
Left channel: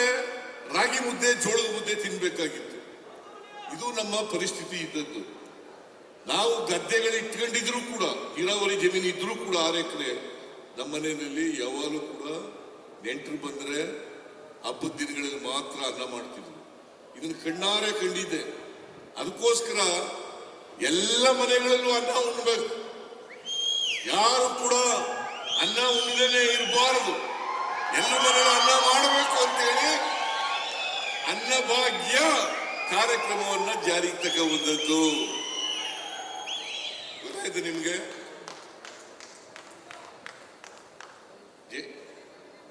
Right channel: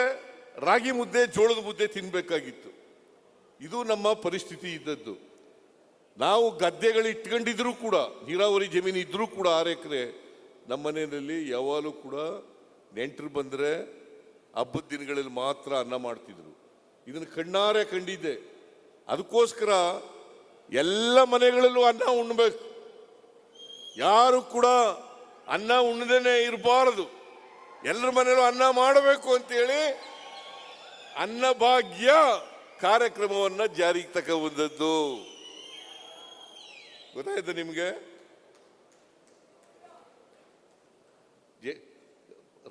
ರಾಗಿ ಮುದ್ದೆ, ಜೋಳದ ಮುದ್ದೆ ತಿನ್ನಬೇಕಾಗಿತ್ತು. ಇದು ನಮ್ಮ ಪರಿಸ್ಥಿತಿ ಇದ್ದದ್ದು. ನಾವು ಗದ್ದೆಯಲ್ಲಿ ಇಟ್ಕೊಂಡಿದ್ರು ಕೂಡ, ನೀರಾವರಿ ಜಮೀನು ಇದ್ರೂ ಕೂಡ ನಮ್ಮ ಮನೆಯಲ್ಲಿ ಯಾವಾಗಲೂ ಕೂಡ ನೆಂಟರು ಬಂದ್ರೆ ಹಬ್ಬದ ದಿನಗಳಲ್ಲಿ ಮಾತ್ರ ಅನ್ನ ಮಾಡ್ತಿದ್ರು. ಇದನ್ನು ಕಣ್ಣಾರೆ ಕಂಡಿದ್ದೆ. ಅದಕ್ಕೋಸ್ಕರ ಎಲ್ಲ ಮನೆಗಳಲ್ಲೂ ಅನ್ನ ಉಣ್ಬೇಕು. ಯಾರು ಕೂಡ ಅನ್ನ ಉಣ್ಣದೇ ಇರಬಾರದು. ಎಲ್ಲ ಮನೆಗಳು ಅನ್ನ ಮಾಡಬೇಕು ಅಂತೇಳಿ ಅನ್ನಭಾಗ್ಯ ಕಾರ್ಯಕ್ರಮವನ್ನು ಜಾರಿಗೆ ತಗೊಂಡದ್ದು. ಗೊತ್ತಾಯ್ತು ನಿಮಗೆ?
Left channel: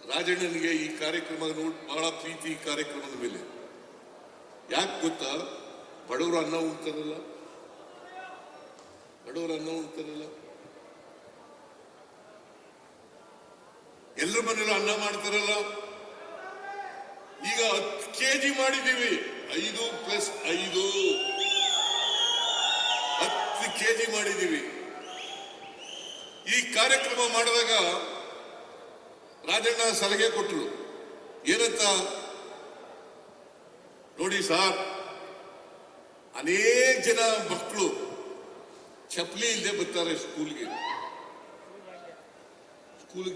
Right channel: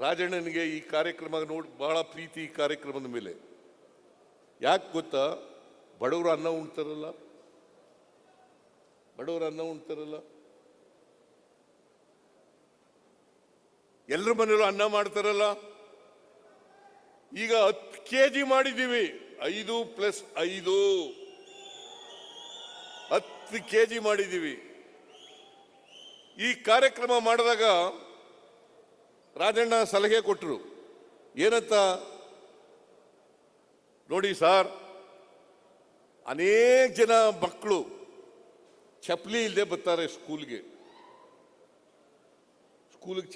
ರಾಜನಿಗೆ ಈ ಕಾರ್ಯಕ್ರಮದ ಬಹಳ ಪ್ರೀತಿ ಕಾರ್ಯಕ್ರಮದ ಮೇಲೆ. ಯಾಕೆ ಗೊತ್ತಾ? ಬಡವರ ಅನ್ನ ಉಂಟಲ್ಲ, ಎಲ್ಲರ ಮನೆಯಲ್ಲೂ ಅನ್ನ ಮಾಡ್ತಾರಲ್ಲ. ಈಗ 10 kg ಮಾಡಿದ್ದೀವಿ, 5+5 10 kg ಮಾಡಿದ್ದೀವಿ. ಈ ಕಾರ್ಯಕ್ರಮ ಮಾಡಿದಾಗ ರಾಜಣ್ಣ ಸಲಹೆ ಕೊಟ್ಟರು. ಏನಂತ ನೋಡಿ ಸರ್, ಅನೇಕ ಜನ ಮಕ್ಕಳು ಚಪ್ಪಲಿ ಇಲ್ಲದೆ ಬರ್ತಾರೆ ಸ್ಕೂಲ್ಗೆ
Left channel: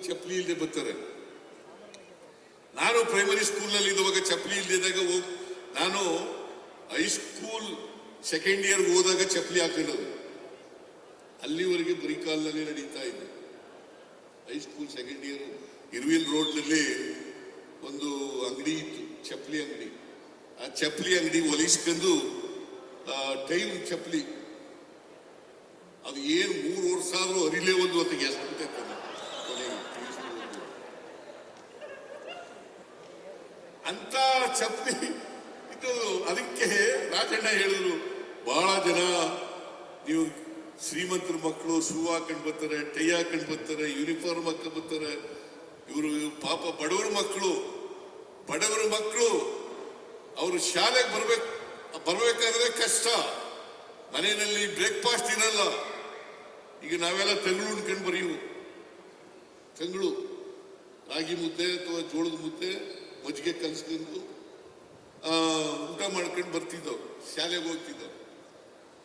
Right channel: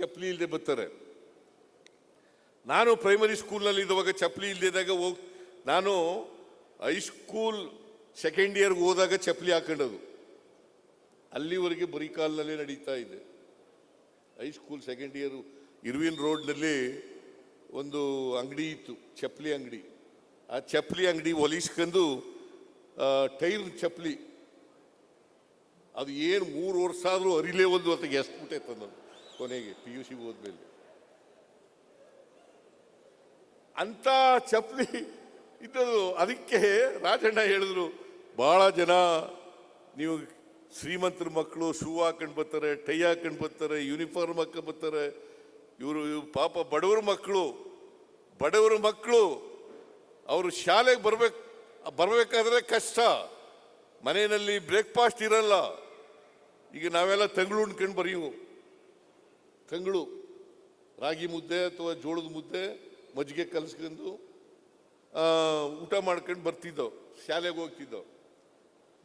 ಚಪ್ಪಲಿ ಇಲ್ಲದೆ ಬರ್ತಾರೆ. ನಾನು ಪ್ರೈಮರಿ ಸ್ಕೂಲ್ನಲ್ಲಿ ಇರುವಾಗ ಚಪ್ಪಲಿ ಇಲ್ಲದಾಗ ನಾನು ಹೈಸ್ಕೂಲ್ ಸೆಕೆಂಡ್ ಇಯರ್ ಹೋದಾಗ ಚಪ್ಪಲಿ ಹಾಕಿರೋದು. ಅಲ್ಲಿವರೆಗೆ ಬರಿಕಾಲದಲ್ಲಿ ನಡೀತಾ ಇದೆ. ಹೈಸ್ಕೂಲ್ ಸೆಕೆಂಡ್ ಇಯರ್ ಇರುವಿ ರೋಡ್ನಲ್ಲಿ ಒಂದು ಅಂಗಡಿ ಇತ್ತು, ಚಪ್ಪಲಿ ಅಂಗಡಿ. ಆ ಚಪ್ಪಲಿ ಅಂಗಡಿ ಒಲಿಸ್ಕೊಂಡು ಟೈಲ್ ಚಪ್ಪಲಿ, ಅದು ಏನು 3 ವರ್ಷ ಆದ್ರೂ ಅರಿವೇ ಒಂದು ಗ್ಯಾಸ್ ಅಂತ ಚಪ್ಪಲಿ ಇದು. ಅದಕ್ಕೆ ರಾಜಣ್ಣ ಹೇಳಿದ್ರು, ಬಹಳ ಜನ ನೀವು ಶ್ರೀಮಂತರ ಮಕ್ಕಳು ಶೂ ಹಾಕೊಂಡು ಬರ್ತಾರೆ, ಟೈ ಹಾಕೊಂಡು ಬರ್ತಾರೆ, ಯೂನಿಫಾರ್ಮ್ ಹಾಕೊಂಡು ಬರ್ತಾರೆ. ಇವರು ಪಾಪ ಬಡವರ ಮಕ್ಕಳು ಅವರು ಶಾಲೆಗೆ ಬರ್ಬೇಕಾದ್ರೆ ಕಷ್ಟ. ಮನೆಯಲ್ಲಿ ಬ್ರೇಕ್ಫಾಸ್ಟ್ ಇರಲ್ಲ. ಈಗ ನಾವೆಲ್ಲ ತಂಗಳು ರಾಗಿ ಮುದ್ದೆ ಅಥವಾ ಜೋಳದ ಮುದ್ದೆ ಮಜ್ಜಿಗೆ ಕಲಸಿದ್ದು ಊಟ ಮಾಡ್ಕೊಂಡು ಬರ್ತಿದ್ದವು, ಶಾಲೆಗೆ ಹೋಗ್ತಿದ್ದವು.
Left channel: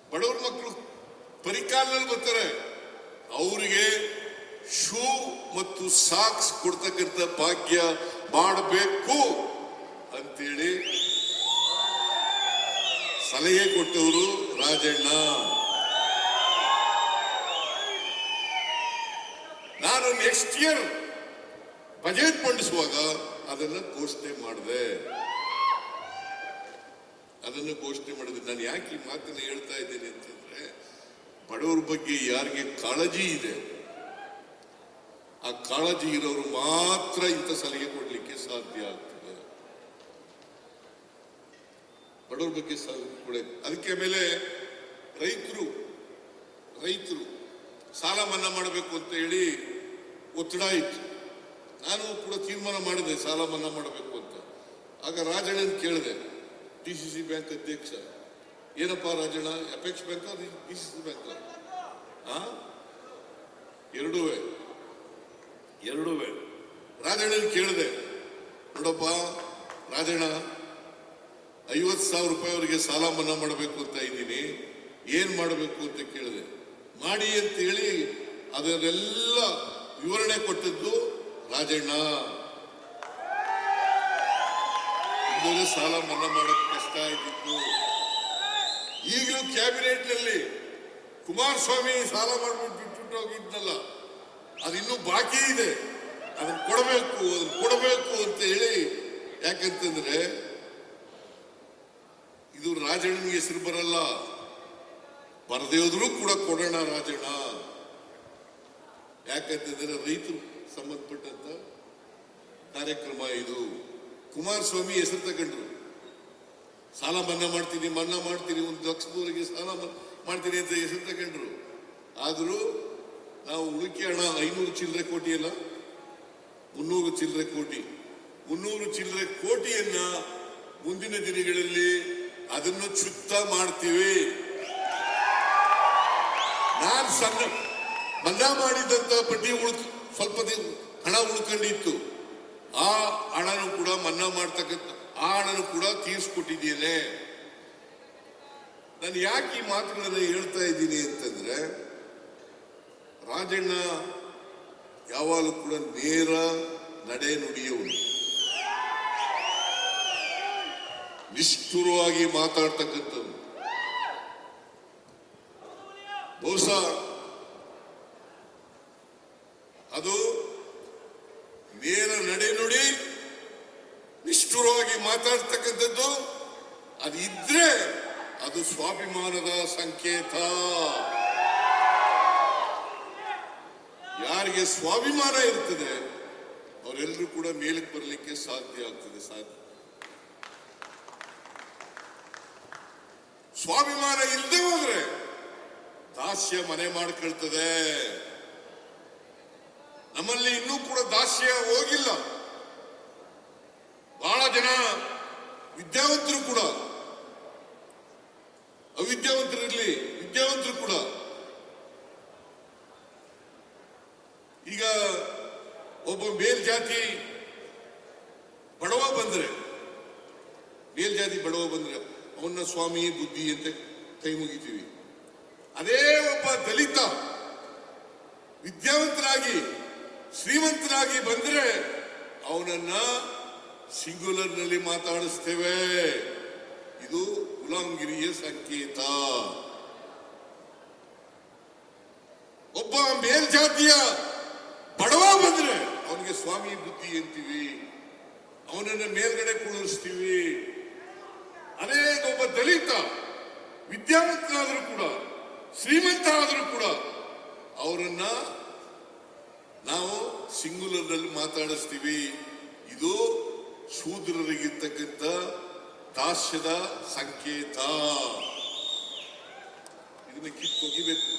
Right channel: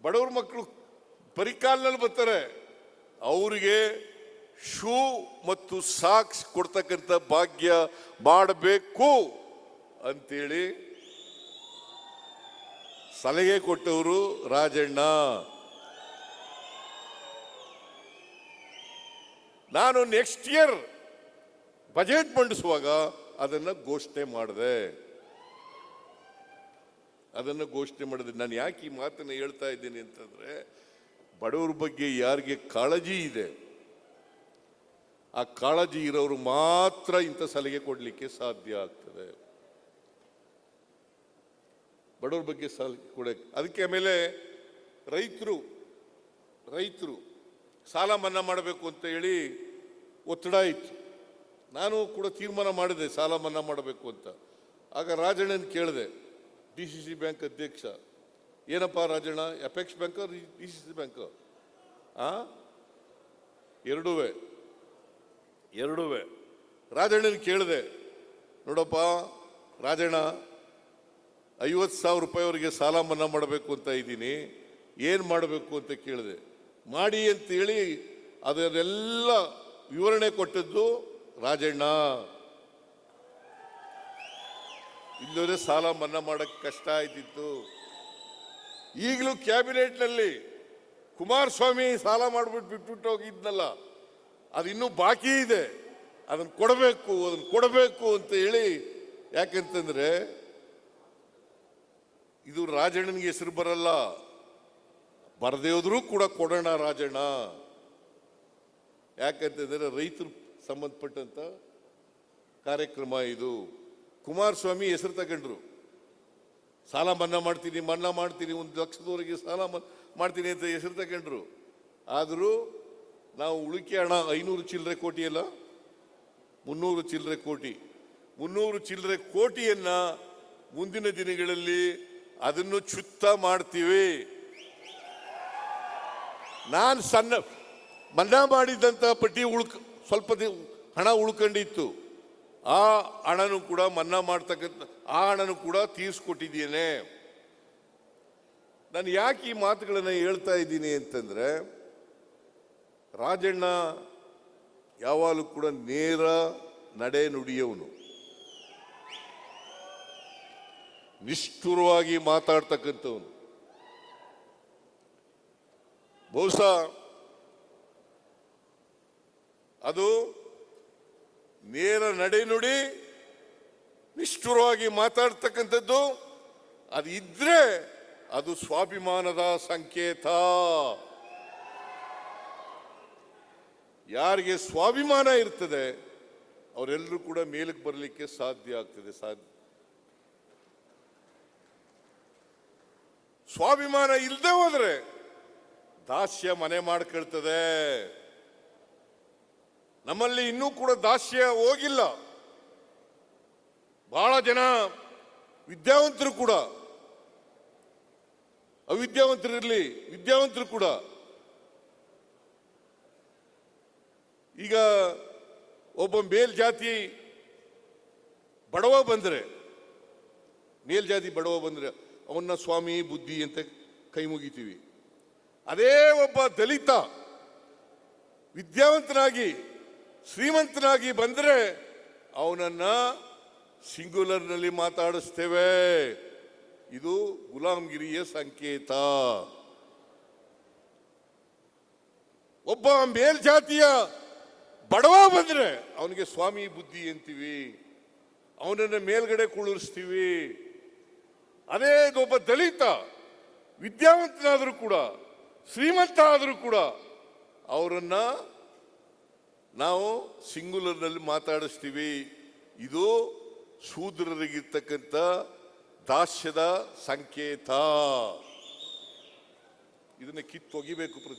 ಬಡವರ ಮಕ್ಕಳು ಪರಿಕಾಲದಲ್ಲಿ ಬರ್ತಾರೆ, ಅವರಿಗೆ ಶೂ ಮತ್ತು ಸಾಕ್ಸ್ ಕೊಡ್ತಕ್ಕಂಥ ಭಾಗ್ಯ ಮಾಡಬೇಕು ಅಂತೇಳಿ ಸಲಹೆ ಕೊಟ್ಟವರು ರಾಜಣ್ಣ. ನಾನು ನೆಕ್ಸ್ಟ್ ಇಯರ್ ಬಜೆಟ್ ಮಂಡಿಸುವಾಗ ಅದನ್ನು ಘೋಷಣೆ ಮಾಡಿದೆ. ನಾನು ಯಾಕೆ ಈ ಮಾತನ್ನು ಹೇಳ್ತಾ ಇದ್ದೀನಿ ಅಂತಂದ್ರೆ, ಬಡವರ ಬಗ್ಗೆ ಯಾರಿಗೆ ಕಾಳಜಿ ಇದೆ, ಆ ಕಾಳಜಿ ಇರೋರು ಮಾತ್ರ ಇಂಥ ಸಲಹೆ ಕೊಡಲಿಕ್ಕೆ ಸಾಧ್ಯ ಆಗ್ತದೆ. ಬಡವರ ಬಗ್ಗೆ ಕೊಡ. ಅದಕ್ಕೆ ಮೇಲೆ ರೈತರು ಸಾಲ ಮನ್ನಾ ಮಾಡಬೇಕು ಅಂತ ಹೇಳಿ ಒತ್ತಡ ಇತ್ತು. ನಾನು ಕೂಡ ತೀರ್ಮಾನ ಮಾಡಿದೆ ಸಾಲ ಮನ್ನಾ ಮಾಡಬೇಕು ಅಂತ. ಆಗ ರಾಜಣ್ಣ ಕೇಳಿದೆ, ಡಿಸಿಸಿ ಬ್ಯಾಂಕ್ ಅಧ್ಯಕ್ಷ, ಏನಪ್ಪ Rajanna, effects bank DCC bank ಎರಡೂ ರಾಜಣ್ಣ ಕೇಳಿದೆ, ನೋಡಪ್ಪ ರಾಜಣ್ಣ, 50,000 ರೂಪಾಯಿವರೆಗೆ ಸಾಲ ಮನ್ನಾ ಮಾಡಬೇಕು ಅಂತ ಇದ್ದೀನಿ, ಏನ್ ಮಾಡಬೇಕು ಅಂತ ಕೇಳಿದೆ. ಮಾಡಿ ಅಂತ ಹೇಳಿ ಅದನ್ನೆಲ್ಲ ವಿವರಣೆ ಕೊಟ್ಟದ್ದು ರಾಜಣ್ಣ. ಸಾಲ ಮನ್ನಾ ಮಾಡಲಿಕ್ಕೆ ಕಷ್ಟ ಆಗಿತ್ತು. ಈಗಲೂ ಕ್ಯಾಬಿನೆಟ್ ನಲ್ಲಿ ಕುಮಾರಸ್ವಾಮಿ ಸಾಲ ಮಾಡಬೇಕು ಬಿಟ್ಬಿಟ್ಟು ಹೋಗಿದ್ನಲ್ಲ, ಅದಿನ್ನೂ ಬಾಕಿ ಇದೆ, ಅದನ್ನು ಕೊಡಬೇಕು ಅಂತ ಹೇಳಿ. ಯಾಕಂತಂದ್ರೆ ಇದು ರಾಜಣ್ಣಿಗೆ ಹೆಸರು ಬರಲ್ಲ, ಬರದೇವರು ಕೂಡ ಕೊಡೋಣ ರಾಜಣ್ಣ. ಯಾಕಂತಂದ್ರೆ ರೈತರು ಸಂಬಂಧಪಟ್ಟಂತ ಕಾರ್ಯಕ್ರಮ ಇದು. ಕುಮಾರಸ್ವಾಮಿ ಹೆಸರು ತಗೊಂಡು ಸಾಲ ಮನ್ನಾ ಮಾಡ್ತೀನಿ 1 ಲಕ್ಷದವರೆಗೆ ಸಾಲ ಮಾಡ್ತೀನಿ ಅಂತ ಹೆಸರು ತಗೊಂಡ್ರು. ಆದ್ರೂ ನಾವು ಉಳಿಕೆ ಹಣ 500 ಚಿಲ್ಲರೆ ಕೋಟಿ ಅಲ್ಲ, 300 ಚಿಲ್ಲರೆ ಕೋಟಿ, 300 ಚಿಲ್ಲರೆ ಕೋಟಿಯನ್ನ ಮುಂದಿನ ದಿನಗಳಲ್ಲಿ ಅದನ್ನು ಚುಕ್ತ ಮಾಡ್ತೀವಿ. ನಾನು ಸಣ್ಣ ಮನ್ನಾ ಮಾಡಿದಂತ ಬಡ್ಡಿ ಸ್ವಲ್ಪ ಹಣ ಉಳ್ಕೊಂಡಿತ್ತು, ಆ ಹಣನು ಕೂಡ ಮನ್ನಾ ಮಾಡತಕ್ಕಂಥ ಆ ಹಣನು ಕೂಡ ತೀರಿಸಿಕೊಟ್ಟಿದ್ದೇನೆ. ನಾನು ಯಾಕೆ ಈ ಮಾತುಗಳನ್ನ ಹೇಳ್ತಾ ಇದ್ದೀನಿ ಅಂತಂದ್ರೆ, ರಾಜಣ್ಣ ಯಾವಾಗಲೂ ಕೂಡ ನೇರ ನಡೆ ನುಡಿಯವರು, ನಿಷ್ಠುರವಾಗಿ ಮಾತಾಡ್ತಕ್ಕಂಥದ್ದು. ಬಹುಶಃ ಅದು ನೇರ ನಡೆನುಡಿ ನಿಷ್ಠುರವಾಗಿ ಮಾತಾಡ್ತಕ್ಕಂಥದ್ದು ಅದು ಇದ್ರೆ ಅದು ಸ್ವಾಭಿಮಾನದ ಸಂಕೇತ. ಯಾರಿಗೆ ಸ್ವಾಭಿಮಾನ ಇರ್ತದೆ ಅವರೆಲ್ಲರೂ ಕೂಡ ಮೇಲೆ ಬರಲಿಕ್ಕೆ ಸಾಧ್ಯ ಆಗ್ತದೆ. ಸ್ವಾಭಿಮಾನ ಇಲ್ಲದೆ ಹೋದ್ರೆ ದಾಸ್ಯ ಮನೆ ಮಾಡಿಕೊಳ್ಳುತ್ತದೆ. ನಮ್ಮಲ್ಲಿ ಇನ್ನೂ ಕೂಡ ದಾಸ್ಯ ಹೋಗಿಲ್ಲ. ಬಹಳ ಜನ ವಿದ್ಯಾವಂತರು ಕೂಡ, ಅವಿದ್ಯಾವಂತರಿರಲಿ ವಿದ್ಯಾವಂತರು ಕೂಡ ಈಗ ಒಬ್ಬ ಮೇಲ್ಜಾತಿ ಬಡವ ಬಂದ್ರೆ ಅವನ್ನ ಸ್ವಾಮಿ ಬುದ್ಧಿ ಅಂತ ಕೈ ಮುಗಿತೀವಿ. ಅದೇ ಒಬ್ಬ ದಲಿತ ವಿದ್ಯಾವಂತನಾಗಿ ಶ್ರೀಮಂತನಾಗಿ ಬಂದ್ರೆ ಅವನನ್ನ ಸಿಂಗುಲರ್ನಲ್ಲಿ ಮಾತಾಡಿಸ್ತೇವೆ. ಇದು ಗುಲಾಮಗಿರಿಯ ಸಂಕೇತ. ಒಬ್ಬ ಮೇಲ್ಜಾತಿಯ ಬಡವ ಬಂದ್ರೆ ಅವನಿಗೆ ಸ್ವಾಮಿ ಬುದ್ಧಿ ಅಂತೀವಿ, ಅವನನ್ನ ಮೇಲ್ಗಡೆ ಕೂಡಿಸ್ತೀವಿ. ಅದೇ ಒಬ್ಬ ದಲಿತ ವಿದ್ಯಾವಂತನಾದರೂ ಕೂಡ ಶ್ರೀಮಂತ ಆದರೂ ಕೂಡ ಅವರನ್ನ ನಾವು ಸಿಂಗುಲರ್ನಲ್ಲಿ ಮಾತಾಡಿಸ್ತೀವಿ. ಇದು ಶೂದ್ರರಿಗಿರ್ತಕ್ಕಂಥ ದಾಸ್ಯದ ಸಂಕೇತ. ಇದನ್ನ ಕಿತ್ತು ಹೋಗಿಬೇಕು.